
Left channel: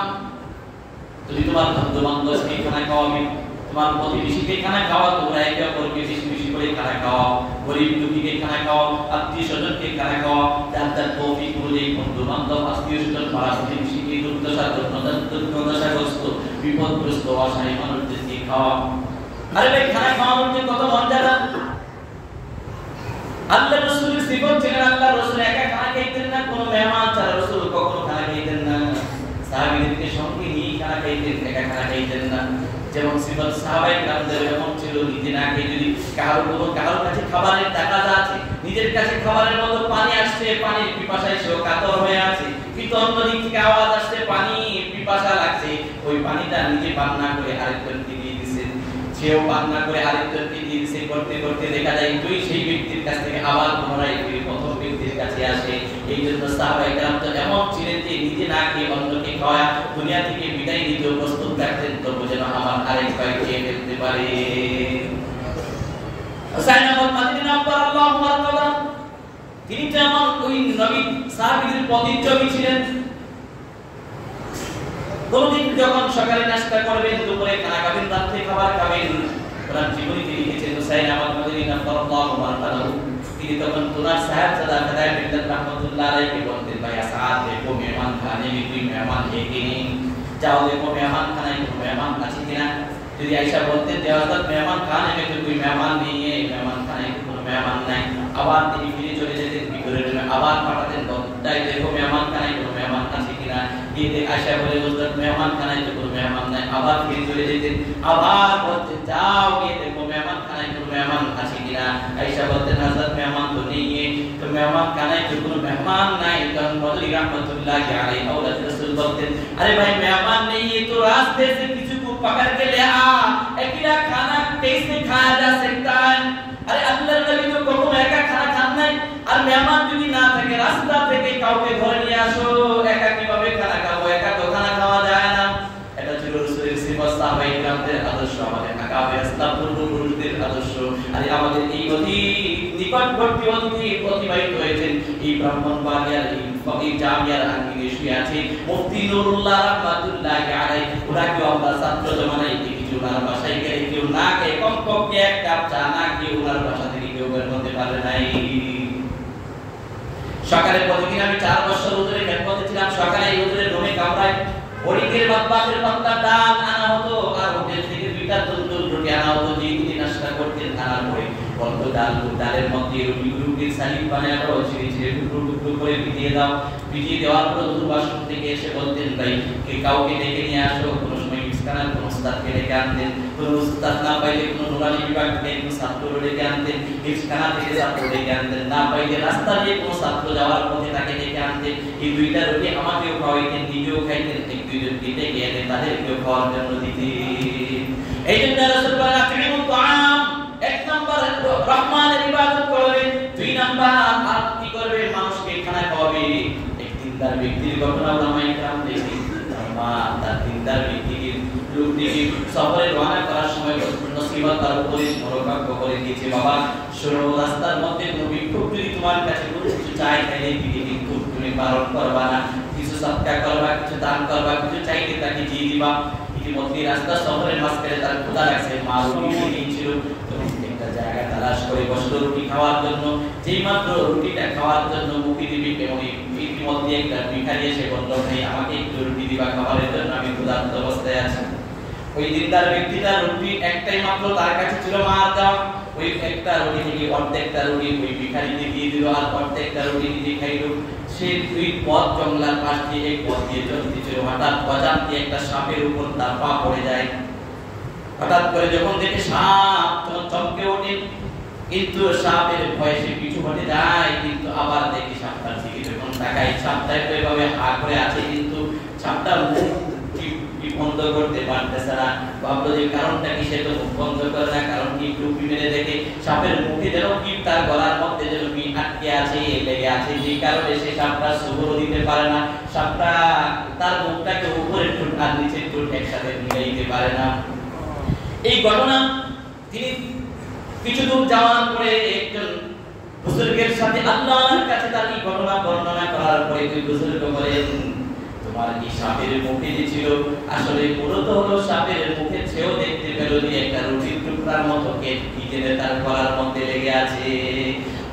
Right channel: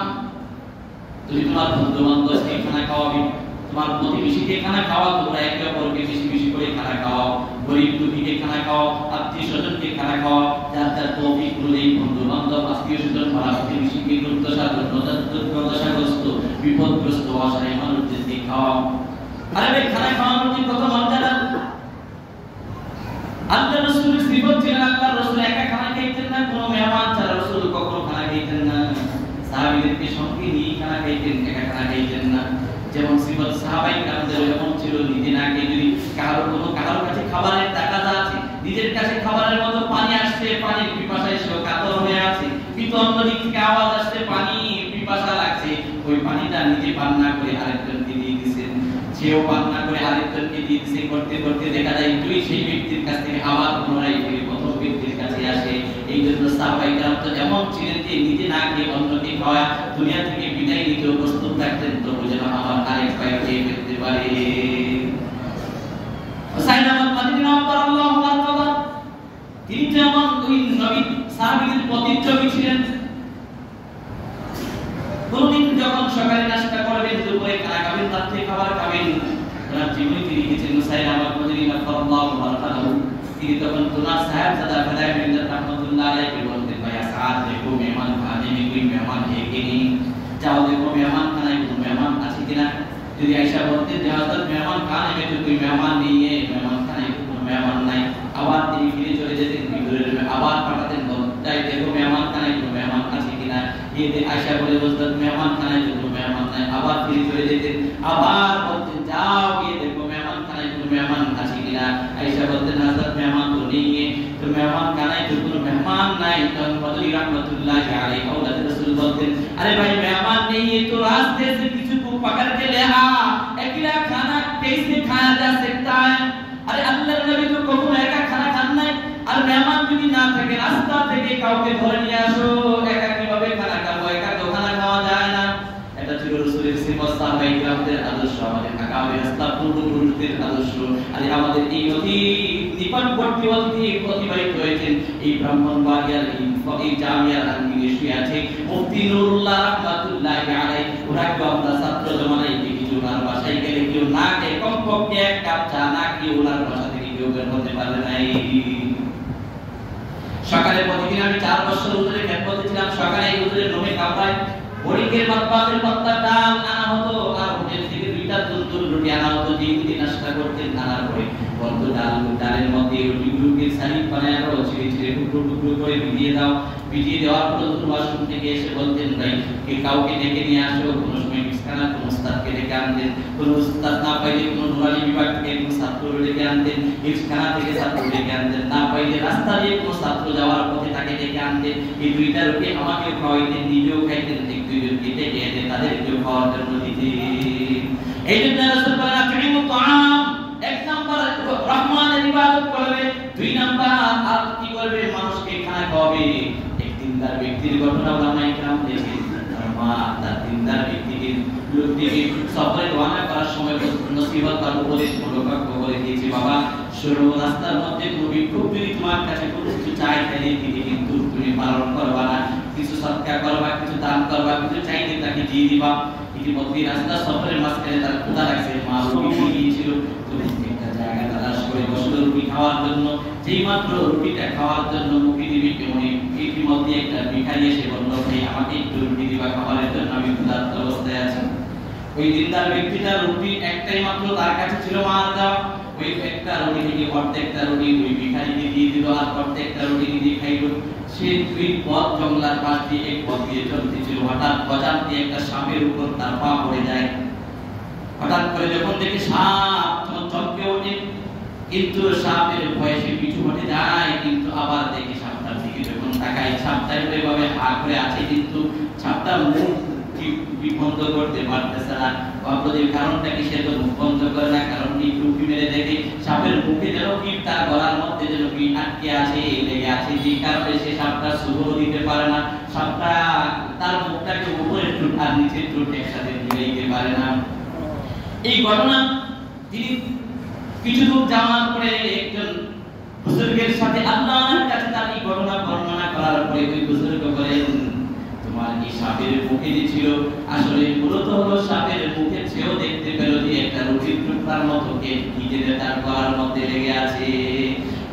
তুমি তোমার বন্ধু বান্ধবকে খানা খাওয়াবে, তোমার প্রতিবেশীকে খানা খাওয়াও, তোমরা একে অপরকে বেশি বেশি করে খানা খাওয়াও, গরিব দুঃখীকে খানা খাওয়াও, আত্মীয় স্বজনকে খানা খাওয়াও। যার যার তৌফিক অনুযায়ী বন্ধু বান্ধব, আত্মীয় স্বজন, পাড়া প্রতিবেশীকে দুর্দশাগ্রস্ত, বিপদগ্রস্ত, অসহায় মানুষদেরকে খাওয়াও। আরে ভাই, খানা খাওয়ানোর যে কত মর্যাদা! আল্লাহ রাসূলের সিফত ছিলেন, আল্লাহ রাসূল একা খানা খাইতেন না, কোনো মেহমান ছাড়া রাসূল কখনো খানা খাইতেন না। সাহাবীদেরকে সঙ্গে নিয়ে খানা খাইতেন, একা খানা খাইতেন না। যেমন সিফত সাহাবায়ে কেরামদের এমন ছিল, নিজে না খেয়ে যদি কারোর কাছে খাবারের টাকা আছে, নিজের কাছে খাবারের মতো পানি আসছে, পানির পিপাসায় সে কাতর হয়ে আছে, কিন্তু অন্যদিক থেকে আওয়াজ আসছে পানি পিপাসা লাগছে, ওই পানিটা নিজে পান না করে আরেকজনকে দিয়ে দিয়েছেন, সেও পান না করে আরেকজনকে দিয়ে দিয়েছে। করতে করতে দেখা যায় তুই সেই ব্যক্তির কাছ থেকে আবার পুনরায় ওই প্রথম ব্যক্তির কাছে আসে। এই জন্য সাহাবায়ে কেরাম তো এমন ছিলেন যে নিজে না খেয়ে অন্যকে খাওয়া, দুনিয়া থেকে বিদায় নিতে প্রস্তুত থাকতেন, তবু যেন আমার আরেক ভাই খেয়ে ফেলতে পারে। হুসাইন আহমদ মাদানী রাদিয়াল্লাহু আনহু, তিনি যেমন ওই নবী সাহাবীদের প্রতিচ্ছবি ছিলেন। কোনদিন যখন সকালে নাস্তা করবেন, দুপুরে খানা খাবেন, রাত্রে খাবার খাবেন, ওনার জীবনী তিনি লিখেছেন হুসাইন আহমদ মাদানী রাদিয়াল্লাহু আনহু। তিনি তখন তোনার সাহেবজাদা খাদায় মিল্লাত রাহমাতুল্লাহ আলাইহি বলতেন, ভাই আসাদ দেখো মেহমান খানে में कोई मेहमान है कि नहीं, जाओ देखो मेहमान खाने में कोई मेहमान আছে কিনা। যদি আয়েশা বলতেন যে হযরত মেহমান খানে में कोई मेहमान नहीं है, मेहमान खाने में कोई मेहमान নাই, আবার তিনি ফিরে চলে যেতেন বিবরের জন্য, আবার পাঠাতেন তাই দেখো মেহমান খানে में कोई मेहमान আছে কিনা। দিদি আয়েশা বলে হযরত মেহমান খানে में कोई मेहमान নাই, আবার ফিরে চলে যেতেন, আবার বলতেন যাও গিয়ে দেখো মেহমান খানে में कोई मेहमान আছে কিনা। আয়েশা বলতেন হযরত মেহমান তো নেই, तो मेहमान खाने में कोई मेहमान नहीं। तो मदनी रहमतुल्लाह अलैहि औलाद रसूल बोलते, अरे भाई मेहमान नहीं है तो रास्ते से किसी को पकड़ के ले आ, अकेला खाना कैसे खाया जा सकता है। अरे अल्लाह नबी तो कखनो একা খানা খান নাই, আর মেহমান যদি না থাকে রাস্তা থেকে কাউকে ধরে নিয়ে আসো, একা কিভাবে খানা খাবো, একা তো খানা খাওয়া যায় না। এটা ছিল রাসূলের সিফত, সাহাবায়ে কেরামদের আদর্শ, আমাদের আকাবে রাস্তা পূর্বপুরুষদের আদর্শ। আর আমাদের এই অতি নিকটবর্তী অতিথি প্রতিবাহিত হয়েছেন এই ব্রাহ্মণবাড়িয়ার এই জামিয়ার আঙ্গিনে শুয়ে আছে মুফতি নুরুল্লাহ রাহমাতুল্লাহি আলাইহি। ওনাকে আমরা ছাত্র জমানায় দেখেছি, ওনার বাসায় গেলে কেউ না খেয়ে কমপক্ষে এক কাপ চা না খেয়ে ওনার বাসা থেকে কেউ বের হতে পারে নাই। সকালে প্রতিদিন আমি 4 বছর হুজুরের খেদমতে ছিলাম, সকালে এই হুজুরের রুমে কামরায় বড়িদের বাদবাকের পাত্তা ডাল আনা হতো, আর হোটেল থেকে 2টা তন্দুর রুটি আনা হতো, যে দিন নাশতা করতেন। আনার পরে অল্প ডালের মধ্যে রুটিগুলোকে সালিক বানায় আরো ছিঁড়ে ছিঁড়ে টুকরো টুকরো করে ভিজিয়ে দাও। ভিজিয়ে দেওয়ার পর বাসন থেকে এসে বলতেন, ভাই কাউকে ডেকে নিয়ে আসো। কোনো সময় বিস্তানা কোনো উস্তাদকে ডেকে আনতেন, কোনো উস্তাদ না পাইলে কোনো নুরানি বিভাগ থেকে কোনো ছাত্র ডেকে আনতেন, বিস্তানা থেকে ছাত্র ডেকে আনতেন, না পাইলে রাস্তা দিয়ে কোনো ছাত্র যাওয়ার পথে তাকে ডেকে আনতেন। এই 2টা রুটি আমাকেও খাওয়াইতেন, নিজেও খাইতেন, পিঠে খেয়ে তাদেরকেও খাওয়ার জন্য দিতেন। এই জন্য রাসূল বলেন আতিমুত তাআম, 1 নাম্বার রহমানের ইবাদত করবে, 2 নাম্বার আর কি করবে, মানুষকে খানা খাওয়াবে। এক দিনদার ব্যক্তির ঘটনা উলামায়ে কেরাম দেখেন, তার দিনদার ব্যক্তিকে লোকটিকে সফরে রওনা করার সময় নসিহত তার উপরে মনোভাগ্য করে দিয়েছে, বাবা শোনো, রাস্তার মধ্যে কোনো বিক্ষোভ যদি তোমার কাছে কোনো কিছু চাই তাহলে কিন্তু তুমি পালন করবা না, কিছু সৎকার করবা, কিছু দান করবা, কিছু চাইলে তাকে দিয়ে দিবা। ইতিমধ্যে রাস্তা সফরের মাঝখানে তার ক্ষুধা লাগছে, মা রুটি দিয়েছিল, তো একটা জায়গা তালাশ করে বসলো রুটি খাওয়ার জন্য। যেই মাত্র রুটিটা খাওয়ার জন্য মুখে দিবি, তেমনি ইতিমধ্যে একটা ভিখারি এসে বলল, ভাই আমাকে একটু রুটি দিবা খাবারের জন্য, আমি ক্ষুধার্ত অবস্থায় আছি। ওই দিনদার ব্যক্তিটা রুটি একটাই মাত্র তার কাছে ছিল মার দেওয়া, ওই একটা রুটি থেকে অর্ধেকটা রুটি ওই ভিখারিকে দিয়ে দিল, আর অর্ধেকটা রুটি নিজে খাইল। সে দুই পথ জঙ্গলার পাশ দিয়ে এক পথ দিয়ে চলতেছিল, হঠাৎ বাজার দিয়ে একটা সাপের উপর তার পা পড়ে যায়। হঠাৎ করে যখন দেখে সাপ, তখন চমকে ওঠে, কিন্তু সাপের ভয়ে সে পিছু হটে যায়। কিন্তু আবার দেখি সাপটার দিকে যখন তাকায়, সাপটা এভাবে হা করে আছে, কিন্তু সাপটা মুখ বন্ধ করতে পারতেছে না। ভাবলো কারণটা কি, সে তো মুখ বন্ধ করে না, কারণ কি টুপি মেরে দেখে সাপের মুখে যেন কি তার গলার মধ্যে যেন কি আটকে আছে, লেগে আছে, যে কারণে সে সাপটা সুবল দিতে পারে না। সাপটা তার মুখটাকে উপরে ঠোঁট আর নিচে ঠোঁট একসাথে মিলিয়ে দিতে পারে না। এই ঘটনা তিনি কিছু দূর যাওয়ার পরে একজন বুজুর্গের সাথে আল্লাহর কাছে তার এই ঘটনা বর্ণনা করার পরে ওই বুজুর্গ বলেন, তোমার কি সাপের মুখে যে ছিল, আসলে মূলত হলো সাপের মুখে সেও দেখতে পেল যে একটা রুটির টুকরার মতো কি যেতে তার গলার মধ্যে লেগে আছে।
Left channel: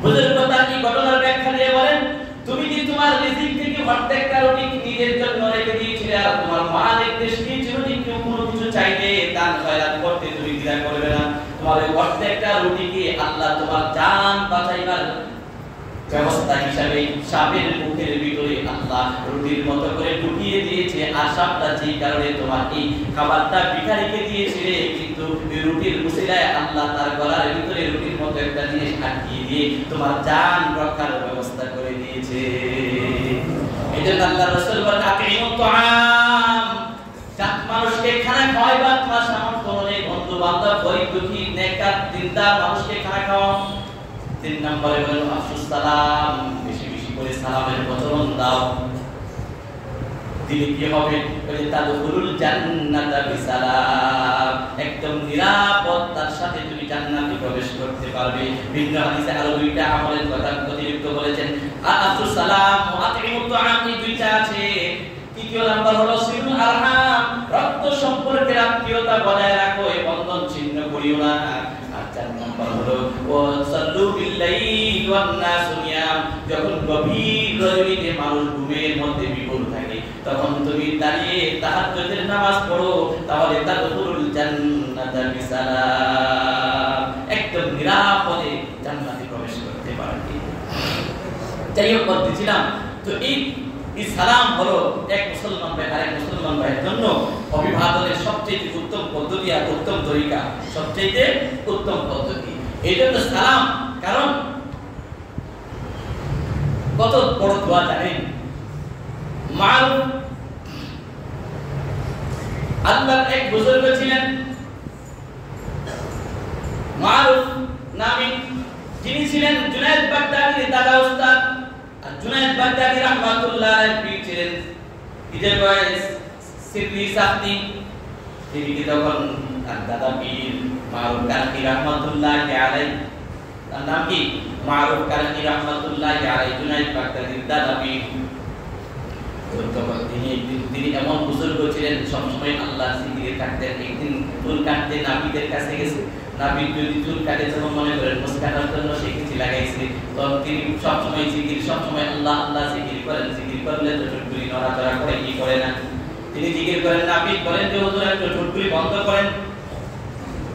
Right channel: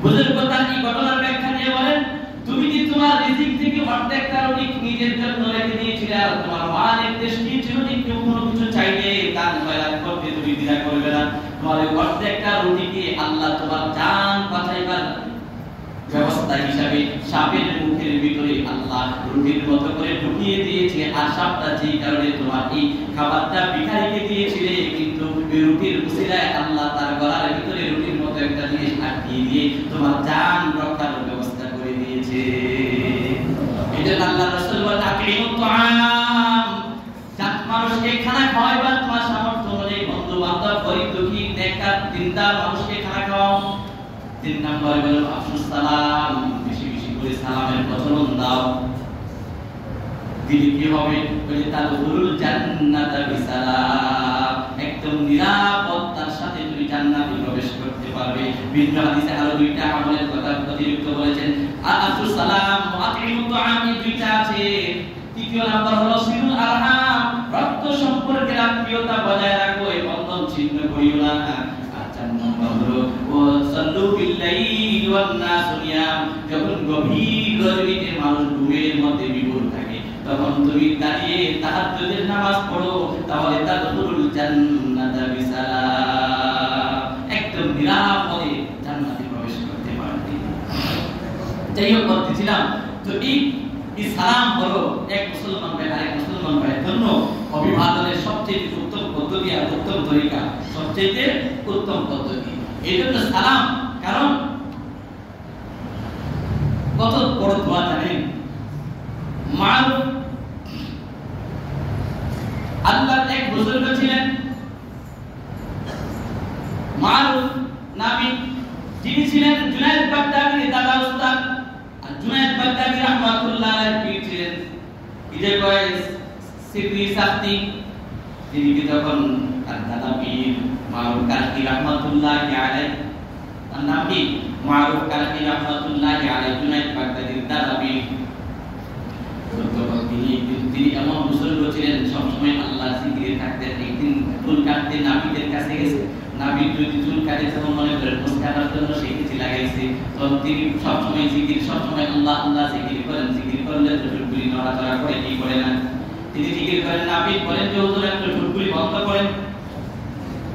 বুজুর্গ তার এই ঘটনার ব্যাখ্যা দিয়ে বলেন, তুমি যে তোমার রিজিক থেকে অর্ধেকটা রুটি নিজের জন্য রেখে দিয়েছিলে, আর তোমার মা নির্দেশ দিয়েছিল যে কেউ কোনো কিছু চাইলে দান খয়রাত করতে তুমি দ্বিধা করবে না। তোমার অর্ধেকটা রুটিকে আল্লাহ তোমার জান বাঁচাইবার ব্যবস্থা হিসাবে সাপের মুখের ভিতরে আল্লাহ রুটির মতো করে ঢুকিয়ে দিয়েছে। আর সাপটা যে কারণে তোমার এই খাবারটা ভিখারিকে দিয়েছিলে, কিন্তু রুটির উসিলায় আল্লাহ তার গলার ভিতরে রুটির মতো একটা জিনিস আটকিয়ে দিয়ে তোমার জান রক্ষার ব্যবস্থা করে দিয়েছে। এজন্য আল্লাহ রাসূল বলেন, আকিমুত তুআম, মানুষকে খানা খাওয়াইবা তোমার সামর্থ্য অনুযায়ী, বন্ধু বান্ধব গরীব দুঃখী নেককার দিনদার মানুষকে খানা খাওয়াও। 3 নম্বরে বলেন আফসুস সালাম, বেশি বেশি করে সালামের প্রচলন দাও। দিলে কি হবে, বলে তাদখুলুল জান্নাতা বিসালাম, একদম নিরাপত্তার সাথে তুমি জান্নাতে প্রবেশ করতে পারবে। ভিন্ন হাদিসে আরো 2টা আমলের কথা প্রতিযুক্ত করেছেন, আফসুস সালাম ওয়া আতিমুত তুআম, এই 2টা আছে। তৃতীয় নাম্বার হলো সিলুল আরহাম, রক্ত সম্পর্কের আত্মীয়তা বজায় রাখো, এই বন্ধন ছিন্ন করিও না। আর 4 নাম্বার হলো ওয়াসাল্লু বিল্লাইল ওয়ান নাসু নিয়াম, যখন গভীর রজনীতে মানুষ ঘুমের মধ্যে বিভোর থাকে, তখন তুমি দাঁড়িয়ে তাহাজ্জুদের নামাজ পড়ো, তাহলে তাদখুলুল জান্নাতা বিসালাম, একদম নিরাপদে জান্নাতে প্রবেশ করতে পারবে। যাই হোক, বলতেছিলাম তো এই সালাম হলো এক মুসলমান ভাই আরেক মুসলমান ভাইয়ের জন্য অভিবাদনের সবচেয়ে উত্তম পদ্ধতি আর উত্তম তরিকা, সবচেয়ে উত্তম পদ্ধতি। এই জন্য সালাম, কারণ কত বড় দোয়া জানেন, মারুফ আল্লাহর এক বুজুর্গ ছিলেন মারুফ নামী, যিনি ছিলেন জুনায়েদ বাগদাদীর দাদা উস্তাদ। আর জুনায়েদ বাগদাদী রাহমাতুল্লাহ আলাইহি ছিলেন ঈদের বয়স সিকরি সাথী, তিনি তখন তার দাদা পীর মারুফ কারকি রাহমাতুল্লাহ আলাইহি, তার নাম কি মারুফ কারকি রাহমাতুল্লাহ আলাইহি, জুনায়েদ বাগদাদীর দাদা পীর। তিনি এমন বুজুর্গ ছিলেন, সবসময় আল্লাহ জিকিরে থাকতেন। একদিন চুল কাটতে নাপিতের কাছে গেছে, নাপিত যদি চুল কাটে তখন মনে করেন মুস্কানার জন্য সে কিছু লাগাইছে, তখন তিনি সবসময় জিকির, সবসময় আল্লাহ আল্লাহ জিকির করেন। জিকির করলে তো ঠুটকুলি নড়াচড়া করে, কি করে না, তিনি জিকির করেন। নাপিত বলেন যে হুজুর একটু ঠুটকুলি বন্ধ করেন।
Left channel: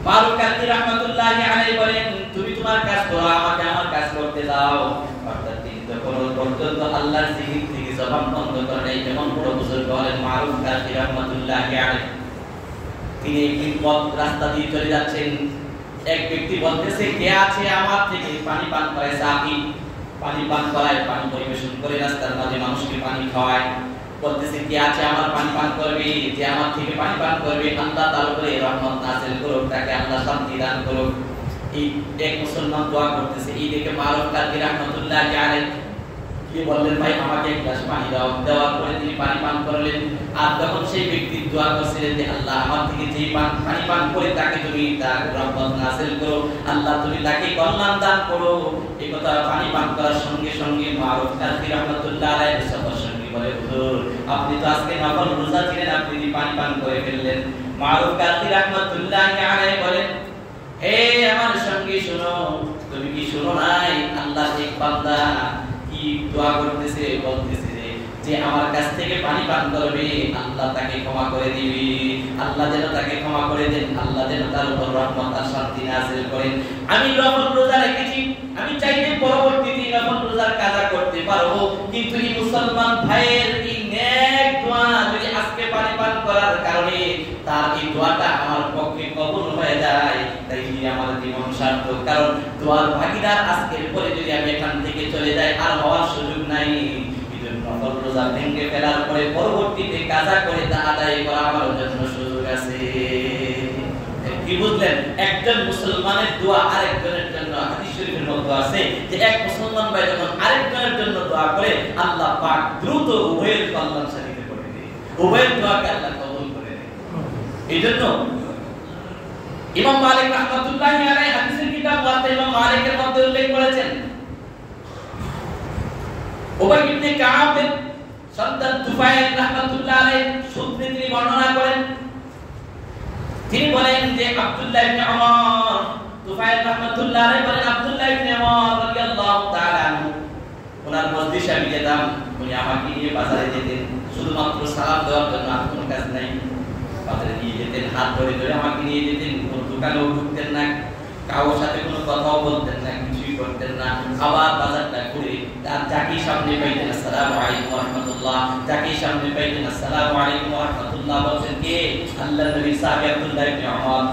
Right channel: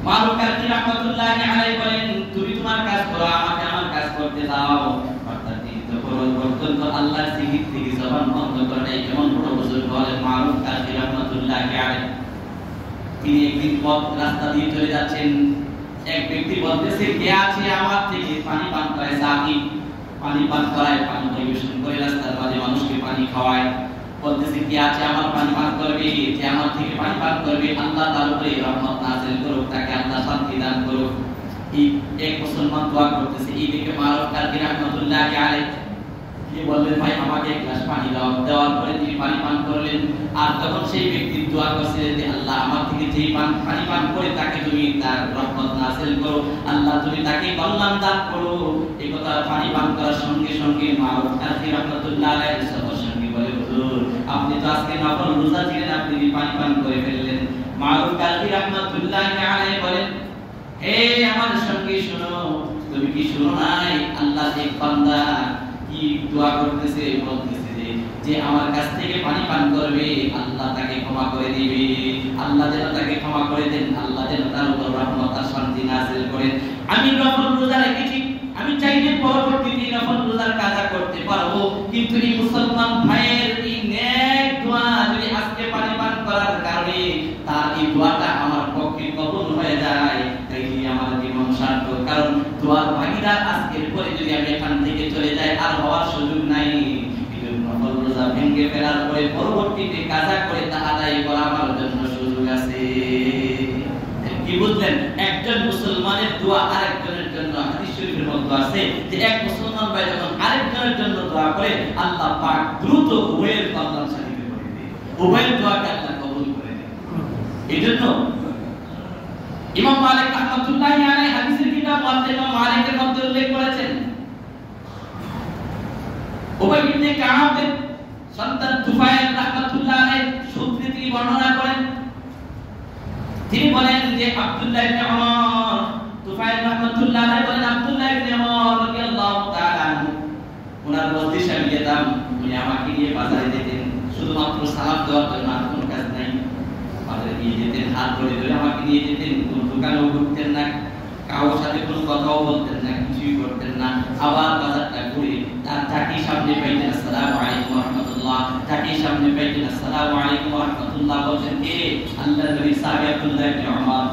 মারুফ কারকি রাহমাতুল্লাহ আলাইহি বলেন, তুমি তোমার কাজ করো, আমাকে আমার কাজ করতে দাও। অর্থাৎ তিনি তো পর্যন্ত আল্লাহর জিকির থেকে জবান বন্ধ করে নাই, এমন বড় বুজুর্গ হলেন মারুফ কারকি রাহমাতুল্লাহ আলাইহি। তিনি একদিন পথ রাস্তা দিয়ে চলে যাচ্ছেন, এক ব্যক্তি বলতেছে, কে আছে আমার থেকে পানি পান করায়, সাকি পানি পান করায়, পানি পরিবেশন করে রাস্তার মাঝে মানুষকে পানি খাওয়ায়। বলতেছে, কে আছে আমার পানি পান করবে, যে আমার থেকে পানি পান করবে, আল্লাহ তার উপরে রহমত নাযিল করুক, তাকে আল্লাহ শান্তি দান করুক। এই এক মুসলমান দোয়া করতেছে, এই দেখে মারুফ কারকি রাহমাতুল্লাহ আলাইহি কি বললেন, ভাই আমাকে এক গ্লাস পানি দাও। দেওয়ার পরে তিনি পানি পান করলেন। আর তখন সেই ব্যক্তি দোয়া করছিলেন যে আল্লাহ আমার থেকে যে পানি পান করে তাকে তুমি তার রহমত নাযিল করো, আল্লাহ তুমি তাকে কল্যাণ দান করো। এই কথা পানি পান করার সঙ্গে সঙ্গে মারুফ কারকি রাহমাতুল্লাহ আলাইহি সবার সঙ্গে বলে, হুজুর আপনি তো আজকে নফল রোজা ছিলেন, আপনি পানি পান করে ফেললেন। মারুফ কারকি রাহমাতুল্লাহ আলাইহি বলেন, হে আমার সঙ্গে শোনো, তুমি কি শোনো নাই আল্লাহর এক বান্দা কি দোয়া করতেছে, বলতেছে যে যে আমার কাছ থেকে পানি পান করবে আল্লাহ তাকে ক্ষমা করে দিবে, আল্লাহ যেন তাকে ক্ষমা করে দেন, আল্লাহ যেন তার উপর রহমত আর শান্তি নাযিল করেন। আমি নফল রোজা রেখেছি, আমি চাইলে পরবর্তীতে নফল রোজার কাজা করতে পারবো, কিন্তু এই মুসলমান ভাইয়ের এই নেক দোয়া যদি আজকে পানি পান করার কারণে তার এই দোয়াটা আমার পক্ষে কবুল হয়ে যায়, তাহলে আমার জীবন সার্থক। কারণ দোয়ার ভাগীদার আজকের পরে যদি আমি এখান থেকে চলে যাই আর হওয়ার সুযোগ নাই। নফল রোজা ভেঙে ফেলার পরে পরবর্তীতে কাজা করে তা আদায় করা আমার জন্য সুযোগ আছে। কি বুঝলেন? একজন মুসলমানের দোয়া আরেকজনের জন্য হাদিস শরীফের মধ্যে আছে যে এক মুসলমান ভাই যখন আরেকজনের জন্য দোয়া করে আল্লাহ পাক দ্রুত উভয়ের কল্যাণ সাধিত করে দেয়, উভয়ের দোয়াকে আল্লাহ কবুল করে নেয়। এইজন্য ইমাম মালিক রাহমাতুল্লাহি আলাইহি হাদিসের কিতাব মধ্যে ইমাম মালিকের মধ্যে উল্লেখ করেছেন, উবাই ইবনে কাব সন্তান তুফাইল রাহমাতুল্লাহ আলাইহি সূত্রে তিনি বর্ণনা করেন, তিনি বলেন যে আব্দুল্লাহ ইবনে ওমর, তুফাইল রাহমাতুল্লাহ আলাইহি বলেন আব্দুল্লাহ ইবনে ওমর রাদিয়াল্লাহু তাআলা আনহু ওনার মজলিসে আমি যেতাম, উনি আমাকে নিয়ে বাজারে যেতেন, শুধুমাত্র সালাম দেওয়ার জন্য, আর কোনো কাজ নাই। বাজারে নিয়ে যেতেন, হাত ধরে ধরে আমাকে নিয়ে যেতেন, কোনো দোকানেও ঢুকতেন না, কারোর সাথে কোনো কথাও বলতেন না, কিছুই করতেন না। আবার বাজারটা ঘুরে তার চাকি সামনে পাইতেন আসসালামু আলাইকুম ওয়া রাহমাতুল্লাহ, চাকি সামনে পাইতেন আসসালামু আলাইকুম ওয়া রাহমাতুল্লাহ, বলছেন কে? আল্লাহর নবী সাহাবী আব্দুল্লাহ ইবনে ওমর।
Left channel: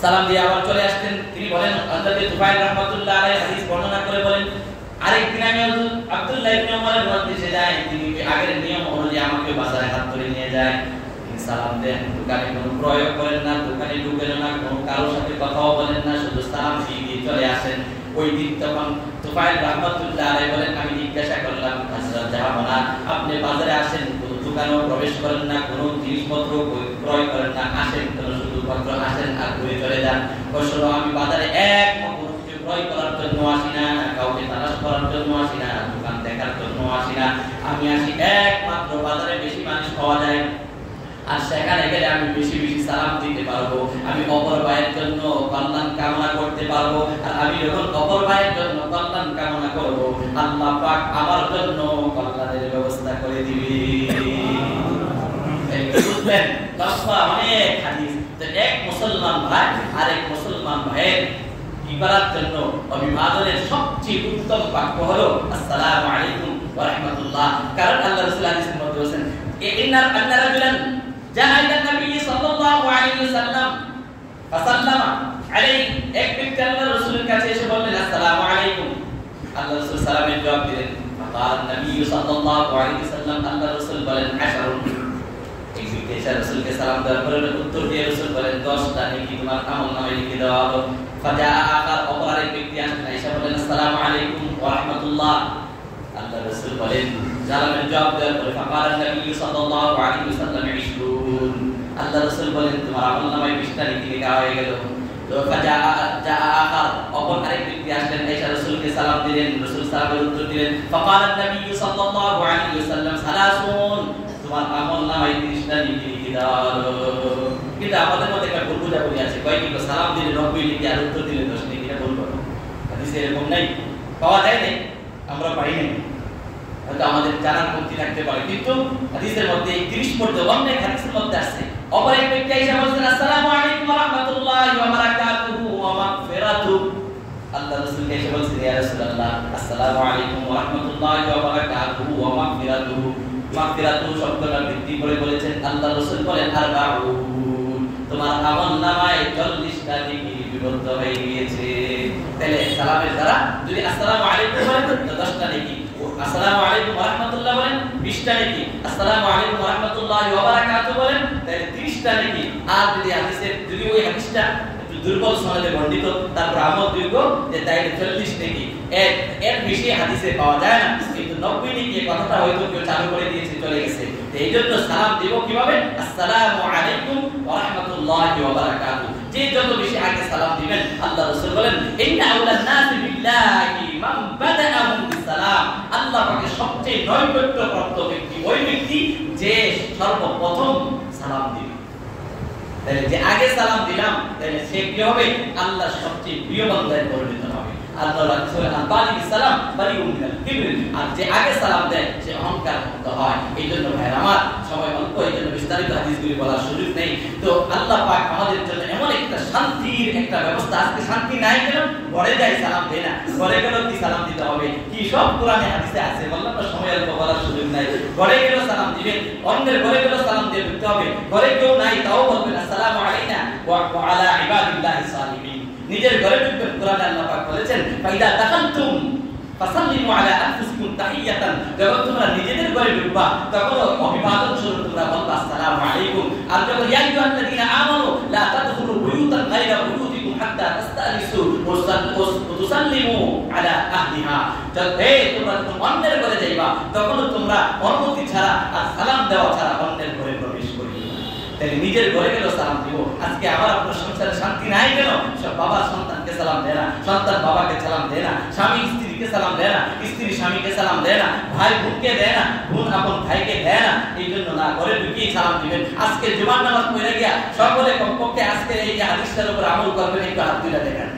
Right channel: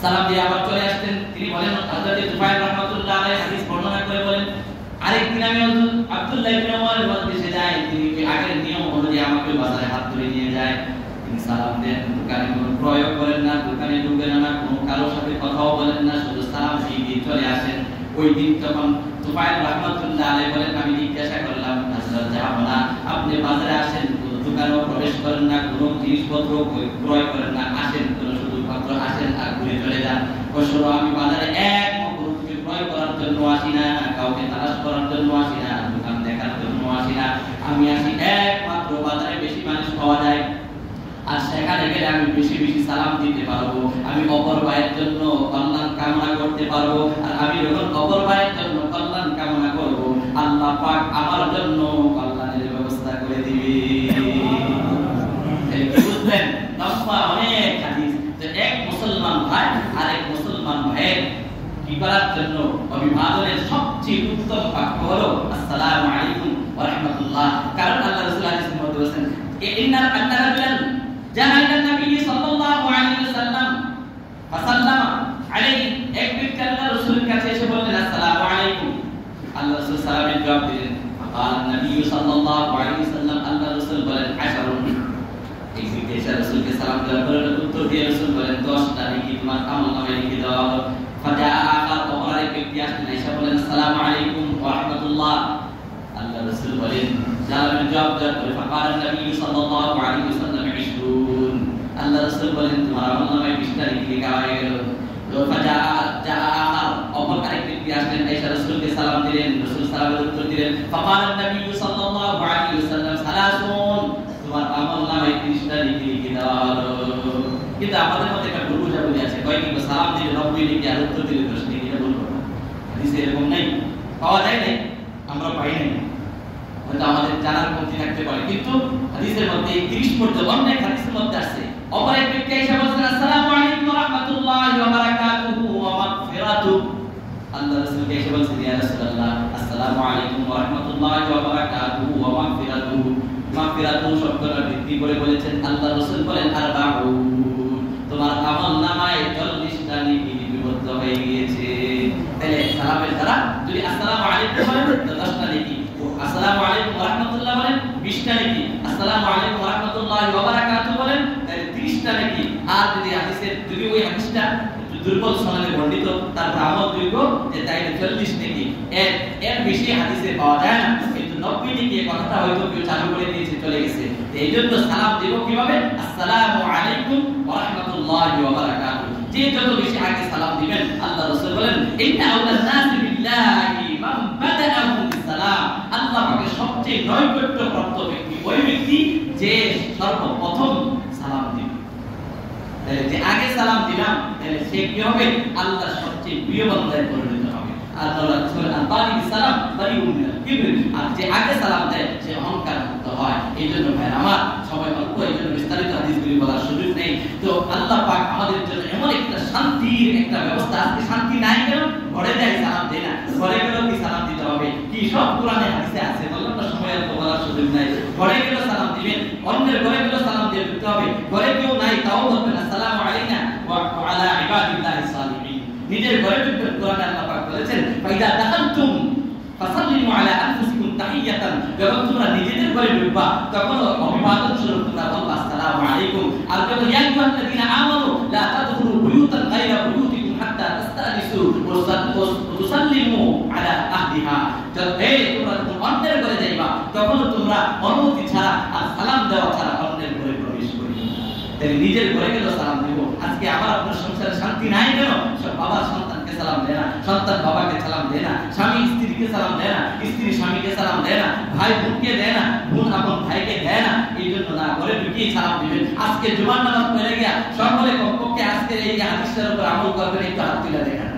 সালাম দিয়ে আবার চলে আসতেন। তিনি বলেন হযরত তুফাইল রাহমাতুল্লাহ আলাইহি হাদিস বর্ণনা করে বলেন, আরেকদিন আমি আব্দুল্লাহ ইবনে ওমরের মজলিসে যাই, তিনি আগের নিয়ম অনুযায়ী আমাকে বাজারে হাত ধরে নিয়ে যায়, সালাম দেন, দোকানে কোনো প্রয়োগ করেন না, দোকানে ঢুকেন না, কোনো কারোর সাথে কথাও বলেন না, শুধু সালাম দিয়ে চলে আসেন। ওই দিন তখন তুফাইল রাহমাতুল্লাহ আলাইহি বলেন, আমি জিজ্ঞাসা করলাম হযরত জাহাবনা, আপনি বাজারে আসেন, কোনো দোকানেও প্রবেশ করেন না, কোনো জিনিসপত্র ক্রয় করেন না, আসেন কোনো শুধুমাত্র আসেন আর ঘুরে চলে যান। অবশ্য আমি বাজারে একমাত্র কিছু ক্রয় করার জন্য আসি না, কাউকে তালাশ করার জন্য আসি না, দোকান দেখার জন্য আসি না, আমি আসি একমাত্র বাজারে বেশি মানুষ পাওয়া যায় আর সেখানে গেলে আমি বেশি বেশি সালাম দিতে পারবো, আমি অপর ভাইয়ের জন্য কল্যাণ কামনা করতে পারবো। আর আমি যখন অপর ভাইয়ের জন্য কল্যাণ কামনা করবো, আল্লাহ পাক আমার জন্য কল্যাণের ব্যবস্থা করে দিবে। বুঝলেন? লম্বা অনেক হাদিস। এক মুসলমান ভাই আরেক মুসলমান ভাইয়ের কি করার জন্য অভিবাদনের সবচেয়ে উত্তম বাক্য হলো আসসালামু আলাইকুম ওয়া রাহমাতুল্লাহ। কারণ আল্লাহ রাসূল হাদিসের মধ্যে বলেছেন, ইন্না আল্লাহ রাজুলান জানা ইলা নবী সাল্লাল্লাহু আলাইহি ওয়াসাল্লাম ফাসাল্লামা আলাইহি, এক ব্যক্তি আল্লাহ রাসূলের কাছে এসে বললেন আসসালামু আলাইকুম, আল্লাহ রাসূল সালামের জবাব দিলেন। ফাকাল নবী সাল্লাল্লাহু আলাইহি ওয়াসাল্লাম, আল্লাহ রাসূল বলেন আশারুন, এক ব্যক্তি এসে রাসূলকে সালাম দেওয়ার পরে উত্তর দিয়ে রাসূল বলেন 10টা নেকি তোমার আমলনামায় লিখে দেওয়া হলো। ফাজা আকার অপর আরেক ব্যক্তি আসলেন, এসে বলেন আসসালামু আলাইকুম ওয়া রাহমাতুল্লাহ, আল্লাহ রাসূল বলেন জালালের জবাব দেওয়ার পরে ফাকাল নবী সাল্লাল্লাহু আলাইহি ওয়াসাল্লাম 20, আল্লাহ রাসূল বলেন তোমার আমলনামায় 20টা লিখে দেওয়া হয়ে গেল। তো ফাজা আকার অপর আরেক ব্যক্তি আসলেন, এসে রাসূলকে সালাম দিলেন, রাসূল সালামের উত্তর দিলেন। ফাকাল নবী সাল্লাল্লাহু আলাইহি ওয়াসাল্লাম 30, তোমার আমলনামায় 30টা লিখে দেওয়া হলো। কিন্তু আমাদের মধ্যে একটা ভুল বোঝাবুঝি আছে, কয় কিন্তু সালাম দিলে 90 লিখে আর উত্তর দিলে 10 লিখে, এটা ভুল কথা। হাদিসে এরকম নাই, পাওয়া যায় না, আমরা পাই নাই, হয়তো আমাদের জানার মধ্যে থাকতে পারে, কিন্তু হাদিসের মধ্যে 30 পর্যন্ত অনেক হাদিসের মধ্যে আছে। অপর এক ব্যক্তি এসে বলছেন আসসালামু আলাইকুম ওয়া রাহমাতুল্লাহি ওয়া বারাকাতুহু ওয়া মাগফিরাতুহু, আল্লাহ রাসূলকে এসে বলছেন ইয়া রাসূলুল্লাহ আসসালামু আলাইকুম ওয়া রাহমাতুল্লাহি ওয়া বারাকাতুহু ওয়া মাগফিরাতুহু, মাগফিরাতুহু শব্দটা বৃদ্ধি করে বলেছেন আল্লাহ রাসূল বলেন আরবাউন, তোমার আমলনামায় 40টা নেকি লিপিবদ্ধ হয়ে গিয়েছে। তাহলে সালামের দ্বারা যদি আসসালামু আলাইকুম বলেন তো 10টা নেকি, আসসালামু আলাইকুম ওয়া রাহমাতুল্লাহ বলেন 20টা নেকি, আসসালামু আলাইকুম ওয়া রাহমাতুল্লাহি ওয়া বারাকাতুহু বলেন তাহলে 30টা নেকি। আর যদি হাদিসের যদি ওই হাদিসটা দুর্বল সনদে বর্ণিত, তারপর আমল দীর্ঘ যে তাইলে 40 নেকি, এর বেশি হাদিসে পাওয়া যায় না। কিন্তু 90 নেকি এই কথাটা হয়তো কেউ চালু করে দিয়েছে, চলে গেছে। এইজন্য সালাম দেব কিভাবে? আসসালামু আলাইকুম ওয়া রাহমাতুল্লাহি ওয়া বারাকাতুহু, যে যত বেশি আগে সালাম দিবেন, আল্লাহ রাসূল বলেন ইন্না আউলান নাসি বিল্লাহি মান বাদাআহু বিসালাম, আল্লাহ পাকের সবচেয়ে নৈকট্যপ্রাপ্ত ব্যক্তি ওই ব্যক্তি যে সর্বপ্রথম সালাম দিবে। তাহলে যে আগে সালাম দিলাম, তাহলে সে কি হবে? আল্লাহর সবচেয়ে প্রিয় বান্দায় পরিণত হবে। আল্লাহ রাসূল আল-বারি সালাম বারি মিনাল কিবর, আর যে আগে সালাম দেয় সে অহংকার মুক্ত হয়। এইজন্য ভাইরা আমার সময় অল্প, এইজন্য বিস্তারিত হাদিসগুলি বলার সুযোগ নেই। তো আল্লাহ পাক আমাদের জন্য এমন একটা শান্তির একটা ব্যবস্থা, আজকে শান্তি নাই কেন? ঘরে যাই সালাম দেয় না, ঘরে গেলেও কি সালাম দিতে হবে, কি সব কোরআনে হাদিসে আছে, বললাম না সময় অল্প, বলার সুযোগ নাই। ঘরে গেলেও সালাম দিবেন, অন্যের ঘরে গেলেও সালাম দিয়ে দিতে হবে। ঘরে কেউ নাই তাও বলবেন আসসালামু আলাইনা ওয়া আলা ইবাদিল্লাহিস সালিহিন। নিজের ঘরে ঢুকবেন, কোরআনে আল্লাহ পাক বলেছেন ফাইদা দাখালতুম ফাসাল্লিমু আলা আনফুসিকুম তাহিয়াতান, যখন তোমরা নিজেদের ঘরে ঢুকবা তখন অভিবাদন স্বরূপ তোমরা বলবা আসসালামু আলাইকুম। আর যখন ইয়া আইয়ুহাল্লাযীনা আমানু লা তাদখুলু বুয়ুতান গায়রা বুয়ুতিকুম হাত্তা তাস্তানিসু ওয়া তুসাল্লিমু আলা আহলিহা, তোমরা যখন অন্যের ঘরে যাইবা তখন তোমরা অনুমতি ছাড়া আর সালাম দেওয়া ছাড়া অন্যের ঘরে প্রবেশ করিবে না। তাই নিজের ঘরে গেল সালাম দিব। আজকে আমার আপনার সংসারে শান্তি নাই কেন? সব বাবা সন্তানকে সালাম দেয় না, সন্তান বাবাকে সালাম দেয় না, স্বামী স্ত্রীকে সালাম দেয় না, স্ত্রী স্বামীকে সালাম দেয় না, ভাই বোনকে দেয় না, বোন আপন ভাইকে দেয় না। এই জন্য না, ঘরে ঢুকিয়ে সালাম দিবেন। আজকে জুমার নামাজ পড়ে গিয়া সকলে কমপক্ষে আজকে এই হাদিসটার উপর আমল করবেন। একটু হাত তুলে দেখেন,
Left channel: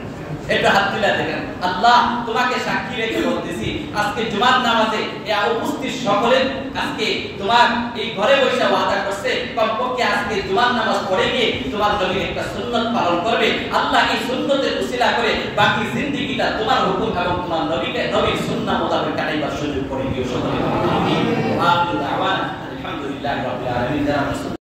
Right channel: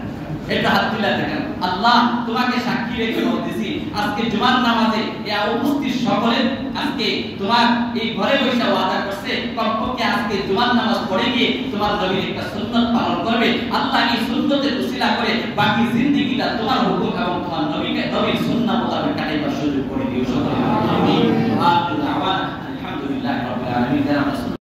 একটু হাত তুলে দেখেন। আল্লাহ তোমাকে সাক্ষী রেখে বলতেছি, আজকে জুমার নামাজে উপস্থিত সকলে আজকে তোমার এই ঘরে বসে ওয়াদা করছে কমপক্ষে আজকে জুমার নামাজ পড়ে গিয়ে তোমার নবীর একটা সুন্নাত পালন করবে। আল্লাহ এই সুন্নতের উসিলা করে বাকি জিন্দেগিটা তোমার হুকুম এবং তোমার নবীর সুন্নাহ মোতাবেক কাটাইবার সুযোগ করে দিও সকলে। আমিন। আলহামদুলিল্লাহ রাব্বিল আলামিন।